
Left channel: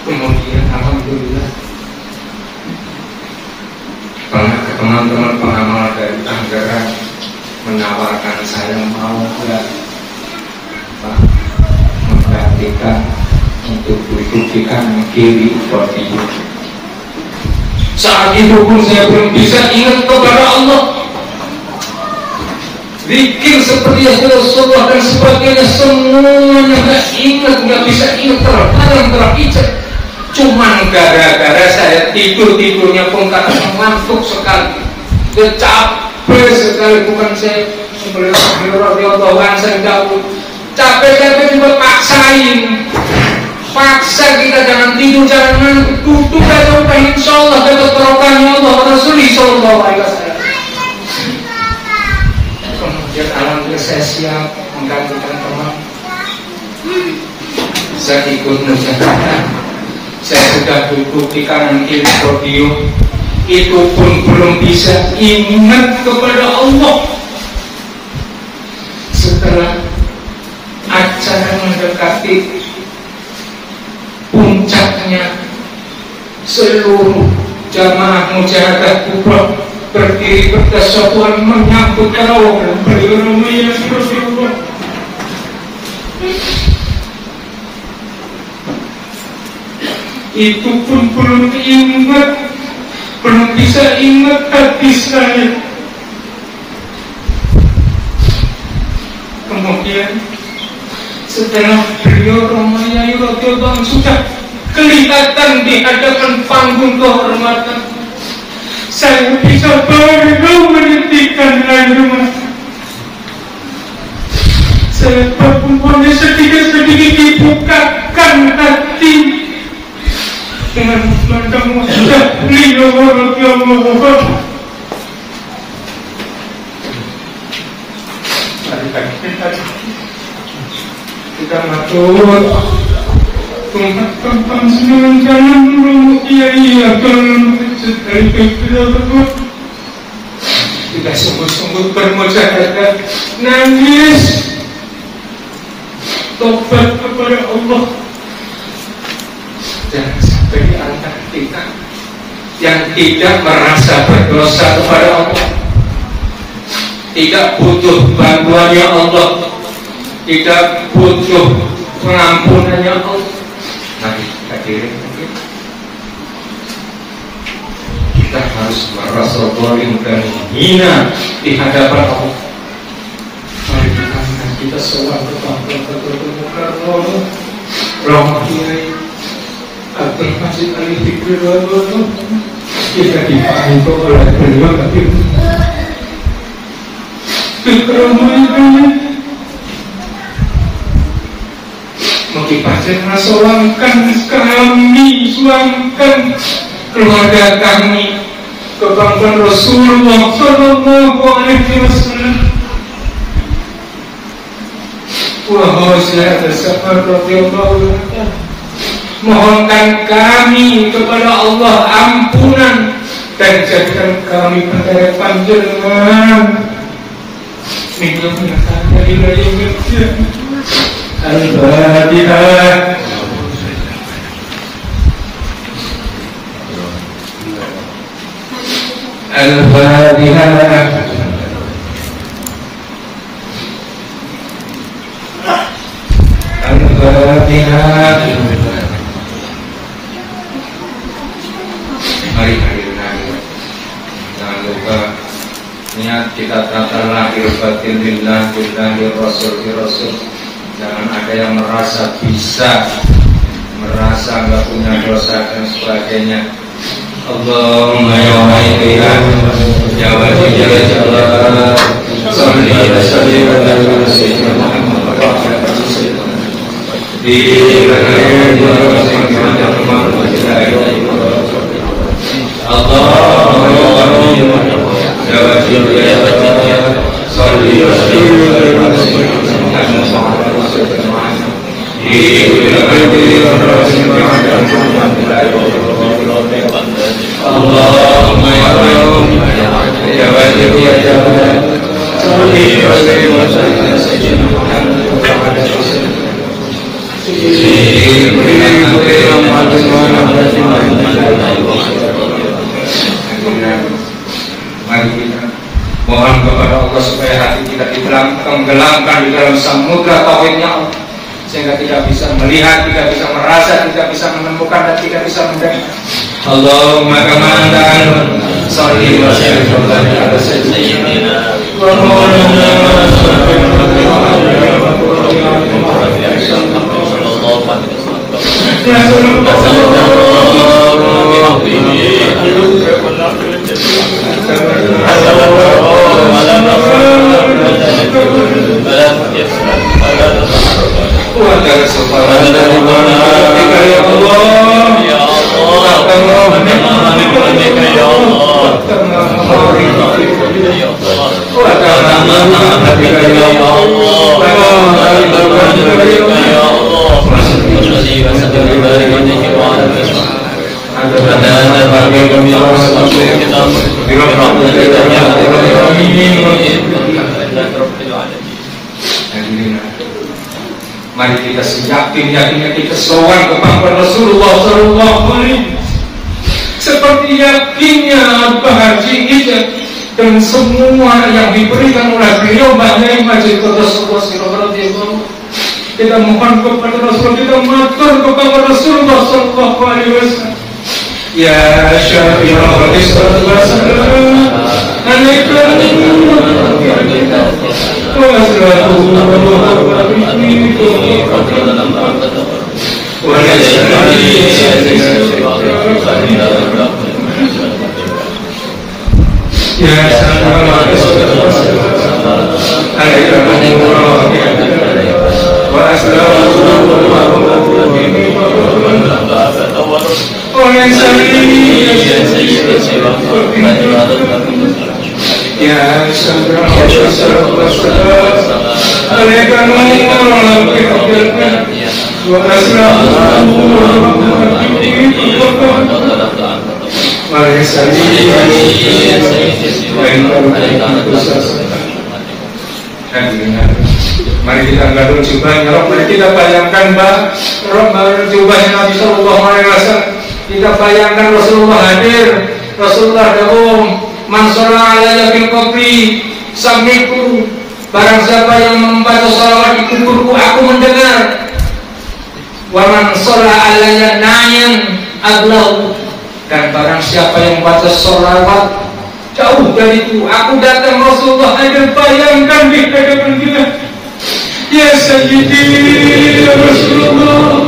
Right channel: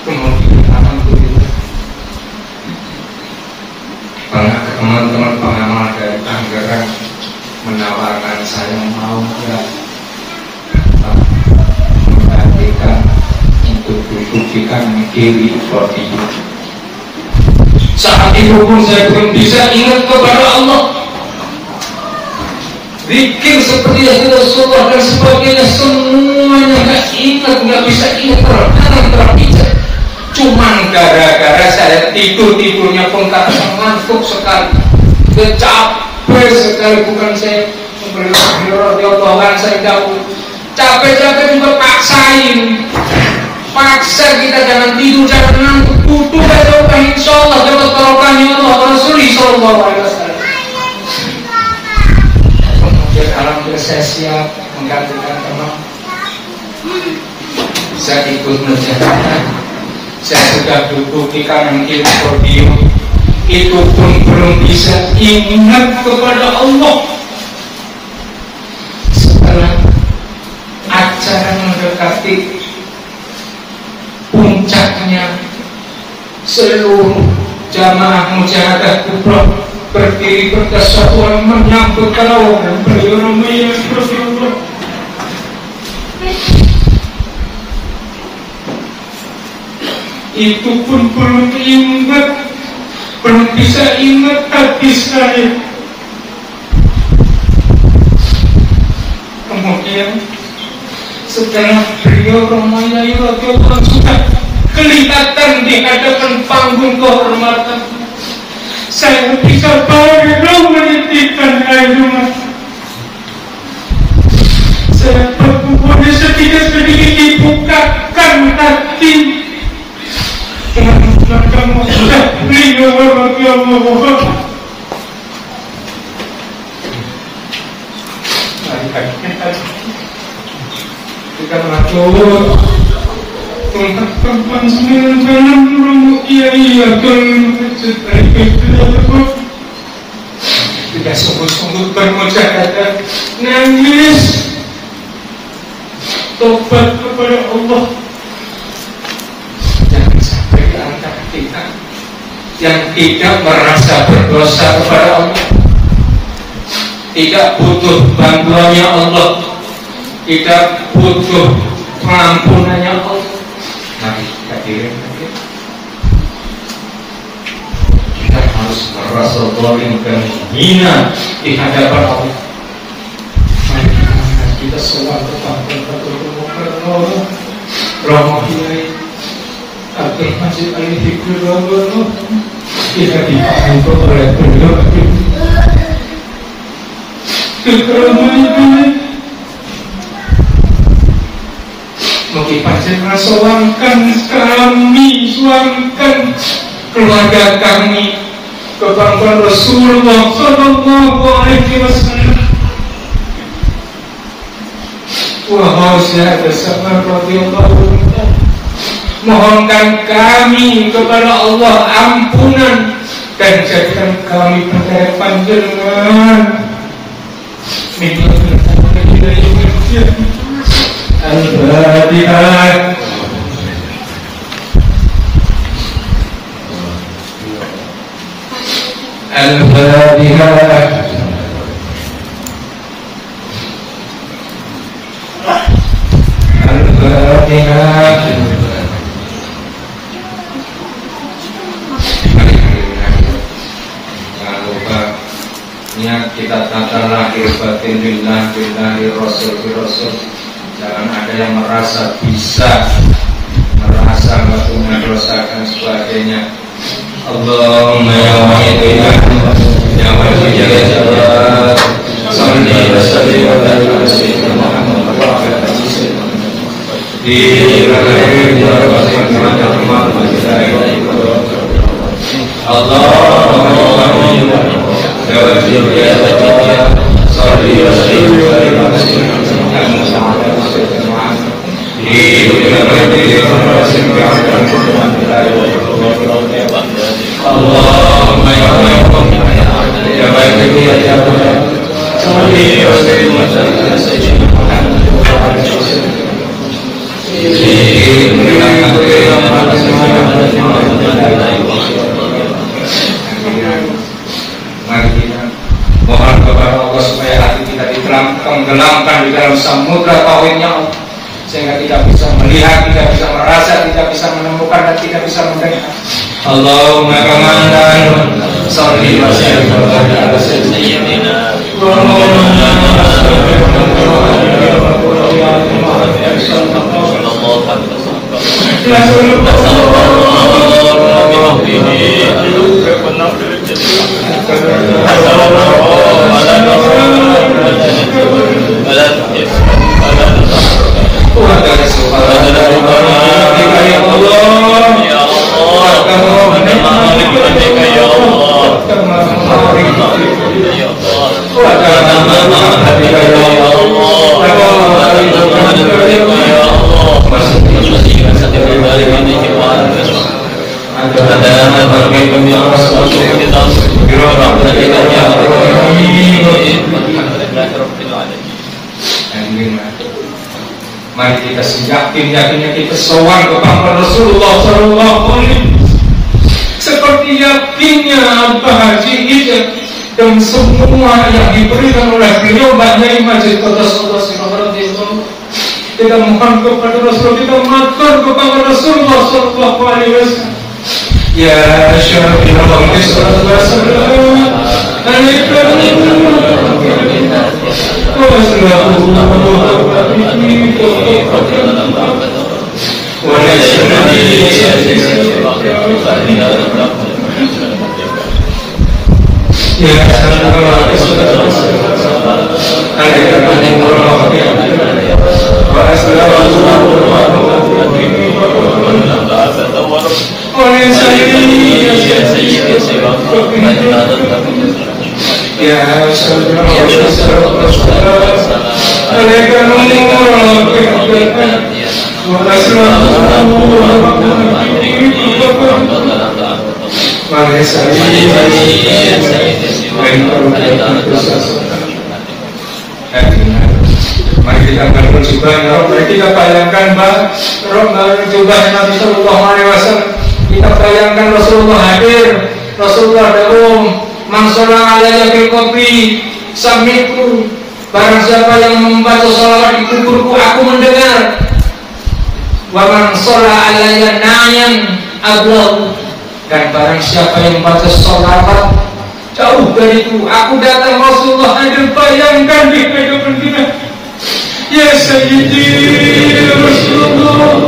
Kemudian alhamdulillah teman-teman pengamal dari Tangerang menawarkan saya mau nggak memperhatikan untuk duduk di kanan kiri seperti itu. Saat itu pun saya belum bisa ingat kepada Allah. Zikir seperti Rasulullah dan sebagainya semuanya nggak ingat, nggak bisa ingat, terkadang terpijak. Cuman gara-gara saya tidurnya pun karena mengantuk sekali, capek sekali, bukan saya berdoa saya jauh, capek juga paksa kita jangan tidur, jangan ngantuk, tutup aja udah, insyaallah dapat barokahnya Allah Rasul sallallahu alaihi wasallam. Kemudian alhamdulillah saya siap menggantikan teman. Saya ikut menjalankan. Saya sudah duduk di kanan kiri podium, itu pun belum bisa ingat kepada Allah. Setelah acara mendekati puncaknya, seluruh jamaah mujahadah kubra berdiri berdasarkan menyambut tarawih dan beriromi yang bersyukur. Itu pun belum bisa ingat hati saya. Kemudian setelah beliau Romayai radhiyallahu anhu sudah kelihatan di hadapan panggung kehormatan, saya bisa baru menitikkan air mata. Saya berpunya sedikit dibukakan hati dengan kamu beliau radhiyallahu anhu. Kita matur tempat semua jangan dulu iya kalau tidak sungguh-sungguh bermujahadah, nangis tobat kepada Allah. Jangan sampai di antara kita yang tidak merasa berdosa kepada Allah, tidak butuh bantuannya Allah, tidak butuh pengampunannya Allah. Mari kita kirim lagi. Kita harus merasa zalim dan hina di hadapan Allah. Mari kita sowan kepada Allah. Rahmatillahi Abdul Masjid Al-Fikri Rabbanu kita dipandu oleh beliau kekeramahan. Mugi panjenengan sowankan kami, sowankan keluarga kami kepada Rasulullah sallallahu alaihi wasallam. Wa hausa bersama radhiyallahu anhu. Mohonkan kami kepada Allah ampunan dan jadikan kami penderet panjenengan. Minta pengertian dari pengertian. Al-Fatihah. Al-Fatihah. Al-Fatihah. Niat kita tata lahir batin lillah di Rasul. Jangan ada yang merasa bisa, merasa nggak punya dosa dan sebagainya. Allahumma ya wahidina ya wajibal jawab salli wa sallim ala sayyidina Muhammad wa ala alihi di Allahumma ya wahidina ya wajibal jawab salli wa sallim ala sayyidina Muhammad wa ala Allahumma ya Rabbul ya wajib ya jawab salli wa sallim ala sayyidina Muhammad wa ala mohon kepada Allah supaya hati kita ditenggelamkan di dalam samudra tauhidnya Allah, sehingga tidak bisa melihat, tidak bisa merasa, tidak bisa menemukan, dan tidak bisa mendengar. Allahumma kamalan salli wa sallim ala sayyidina Muhammad. Mari kita yakinnya kita sowan kepada Rasulullah Sallallahu Alaihi seperti yakinnya Pak Haji Ijaz dan semua yang diberikan oleh beliau banyak Majid Qudus kita mohon kepada Rasul, kita matur kepada Rasulullah Sallallahu Alaihi Wasallam. Ya Syafi'ul Islam wasallam alaikum mari kita bangun jubahnya, mari kita bayangkan jubahnya Nabi Sallallahu Alaihi Wasallam. Kita bayangkan Rasulullah hadir, Rasulullah dahum mansura alaiya fil qabri sami'tu, barang siapa yang membaca salawat di kuburku aku mendengar. Wa man shalla alaiya nayan ablahu, dan barang siapa yang membaca salawat jauh dariku aku datang. Rasulullah hadir, bayangkan di hadapan kita. Ya Sayyidi ya Rasulullah,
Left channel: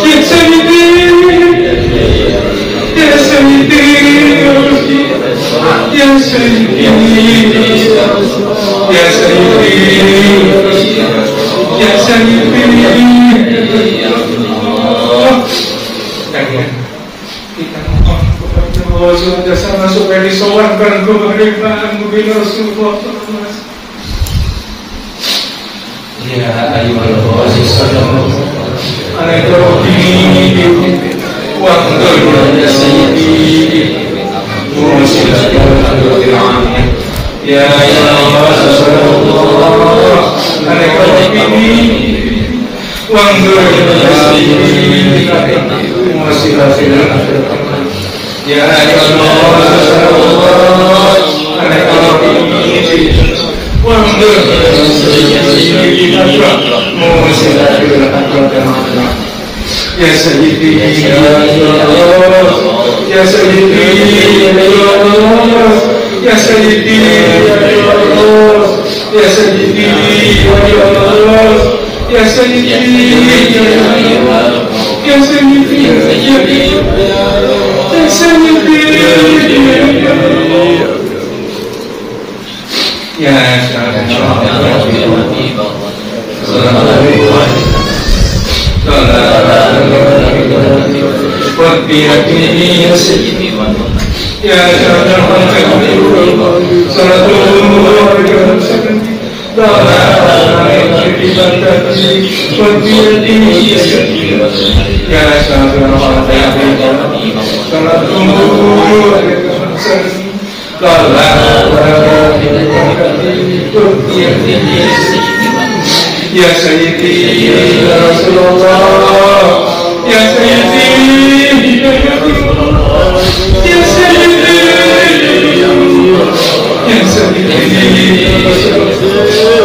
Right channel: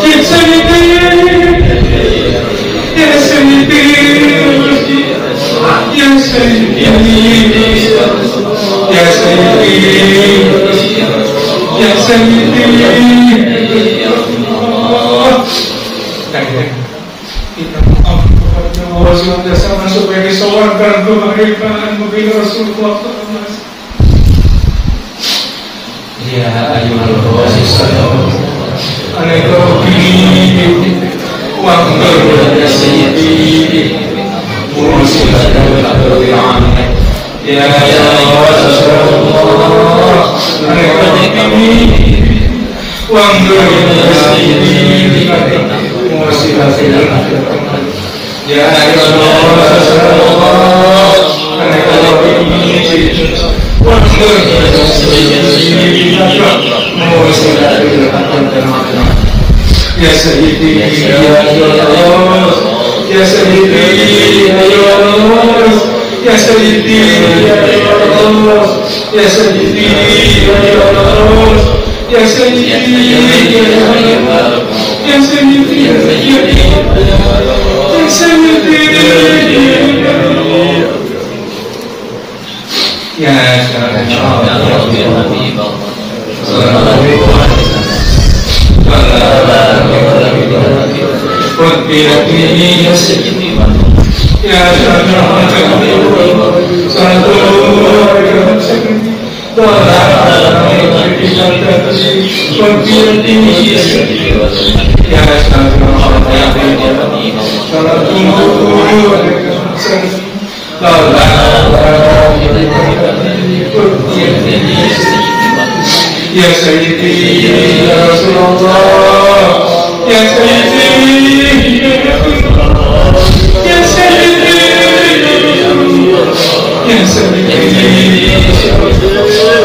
ya Sayyidi ya Sayyidi ya Rasulullah, ya Sayyidi ya Sayyidi ya Sayyidi ya Rasulullah. Kita mohon kepada Allah SWT supaya disowankan kemerdekaan bagi Rasulullah SAW. Ya ayyuhal Rasulullah alaikum wa ya Sayyidi wa sallallahu ya Rasulullah alaikum wa ya Sayyidi wa sallallahu ya Rasulullah alaikum Ya Sayyidi ya Allah, ya Sayyidi ya Allah, ya Sayyidi ya Allah, ya Sayyidi ya Allah, ya Sayyidi ya Allah, ya Sayyidi ya Allah, ya Sayyidi ya Allah. Ya Ya Sayyidi ya Rasulullah, ya Sayyidi ya Rasulullah, ya Sayyidi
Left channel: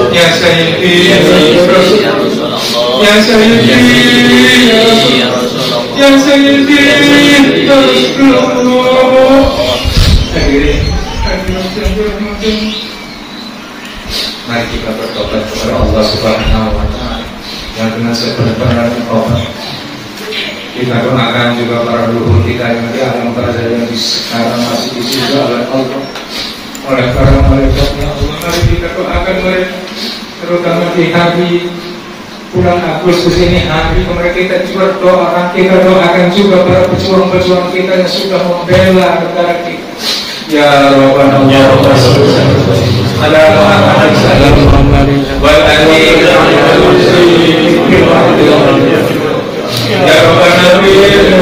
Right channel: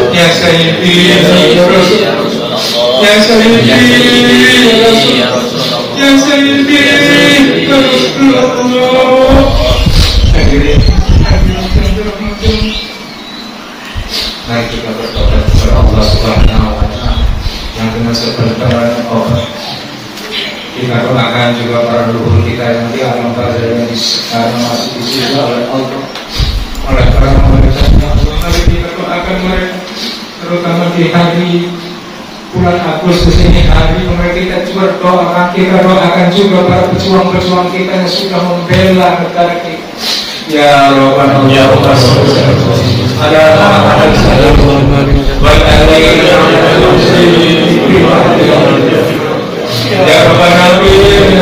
ya Sayyidi ya Sayyidi ya Rasulullah, ya Sayyidi ya Sayyidi ya Rasulullah. Mari kita bertobat kepada Allah Subhanahu wa Ta'ala yang dengan sepenuhnya Allah. Kita doakan juga para leluhur kita yang di alam barzah yang sekarang masih dijaga oleh Allah, oleh para malaikatnya Allah. Mari kita doakan mereka, terutama di hari bulan Agustus ini, hari mereka kita juga doakan juga para pejuang-pejuang kita yang sudah membela negara kita. Ya Rabbana ya Rabbana ada Muhammad sallallahu alaihi wasallam Ya Rabbal Alamin,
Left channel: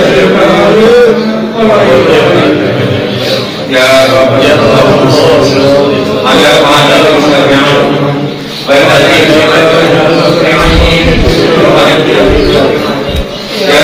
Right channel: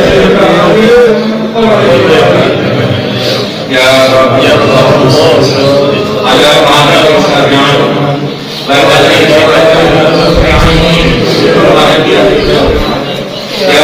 ya Rabbal Alamin, ala ma'al mustaqim, badalin mustaqim, ya Rabbal Alamin, ya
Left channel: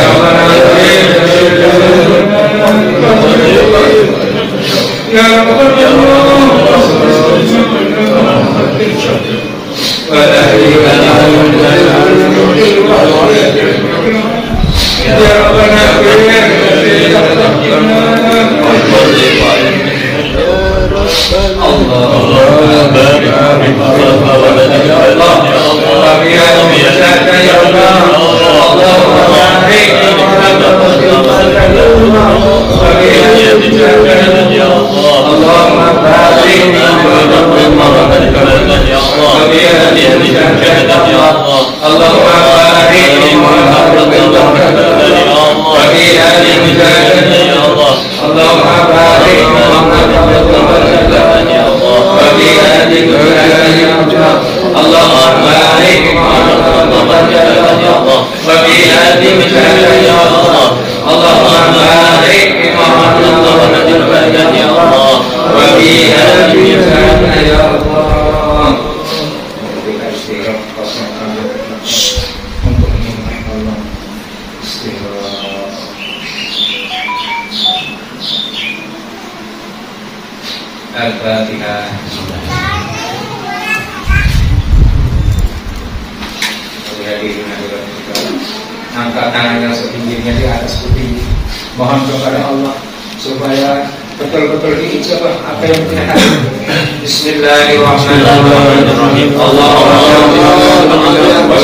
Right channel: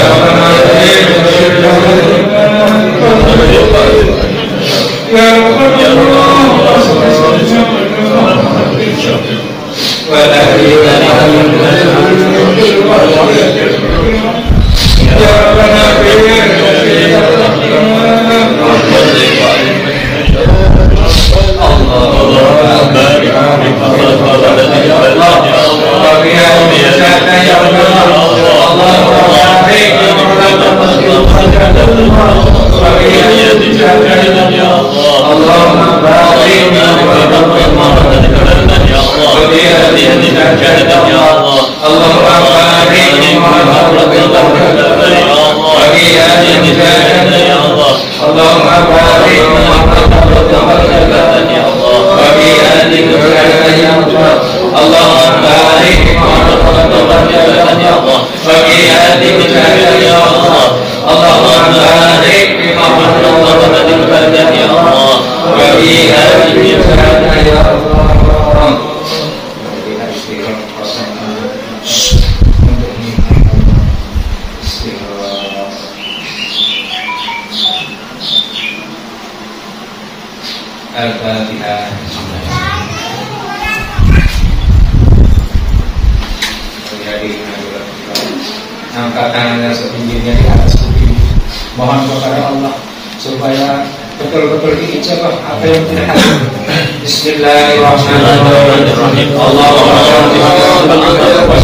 Al-Fatihah. Angkat tangannya setingginya di atas kuping. Mohon kepada Allah supaya betul-betul diijabah apa yang kita hati. Bismillahirrahmanirrahim. Allahumma shalli ala Muhammad wa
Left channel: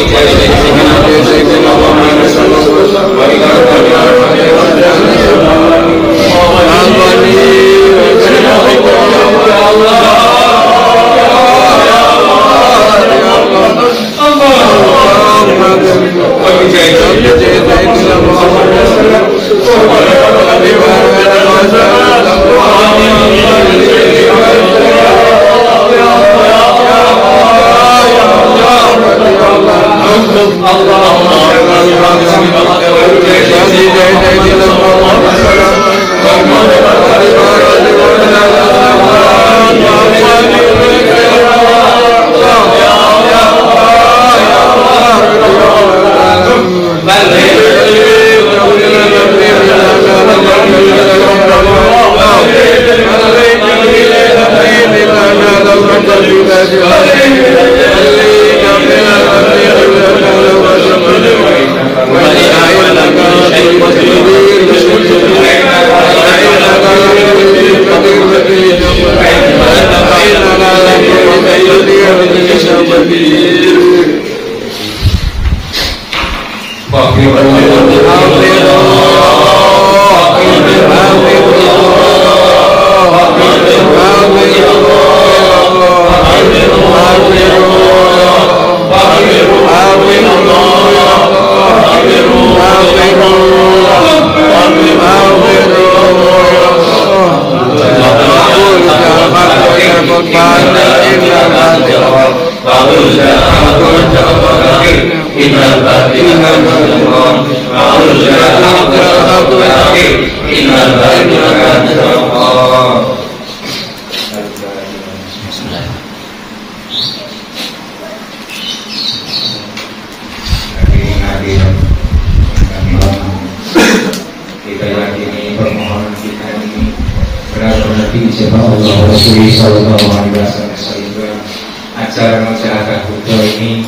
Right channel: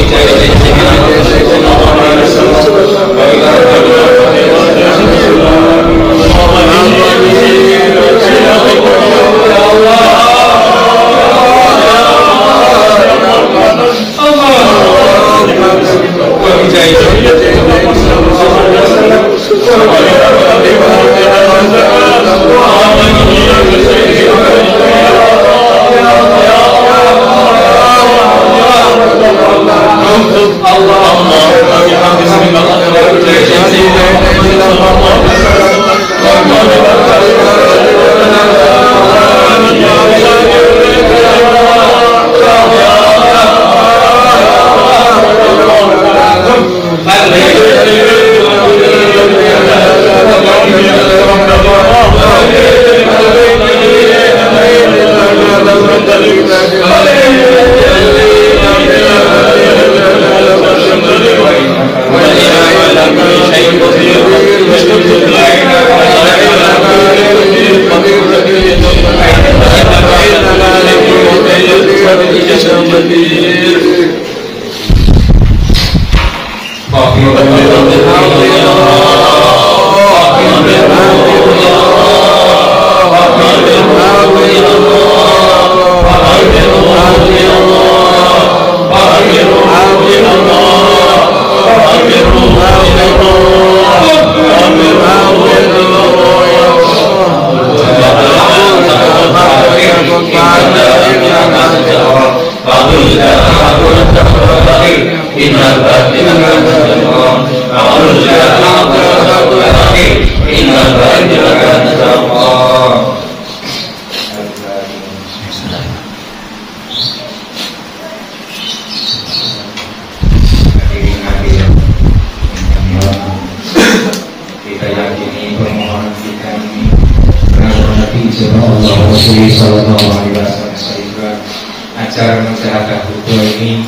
acara masyarakat Buddha ini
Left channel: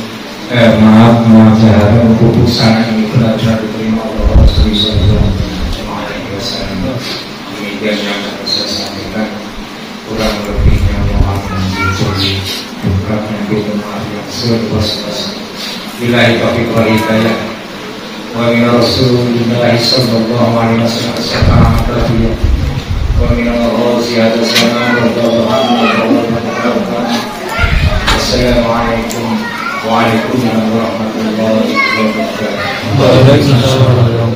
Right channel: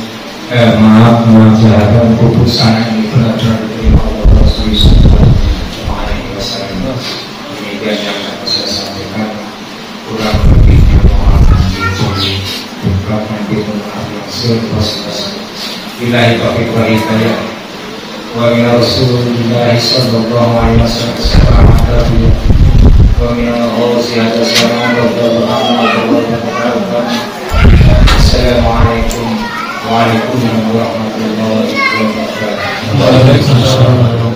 masyarakat keputusan ini benar-benar diterima oleh Rasulullah SAW. Demikian yang saya sampaikan, kurang lebihnya mohon dijauhi bukan menjadi maaf yang sebesar-besar. Billahi taufiq wal hidayah. Wa min Rasulillah sallallahu alaihi wasallam wa min al-ghaziyati sallallahu alaihi wasallam. Assalamualaikum warahmatullahi wabarakatuh.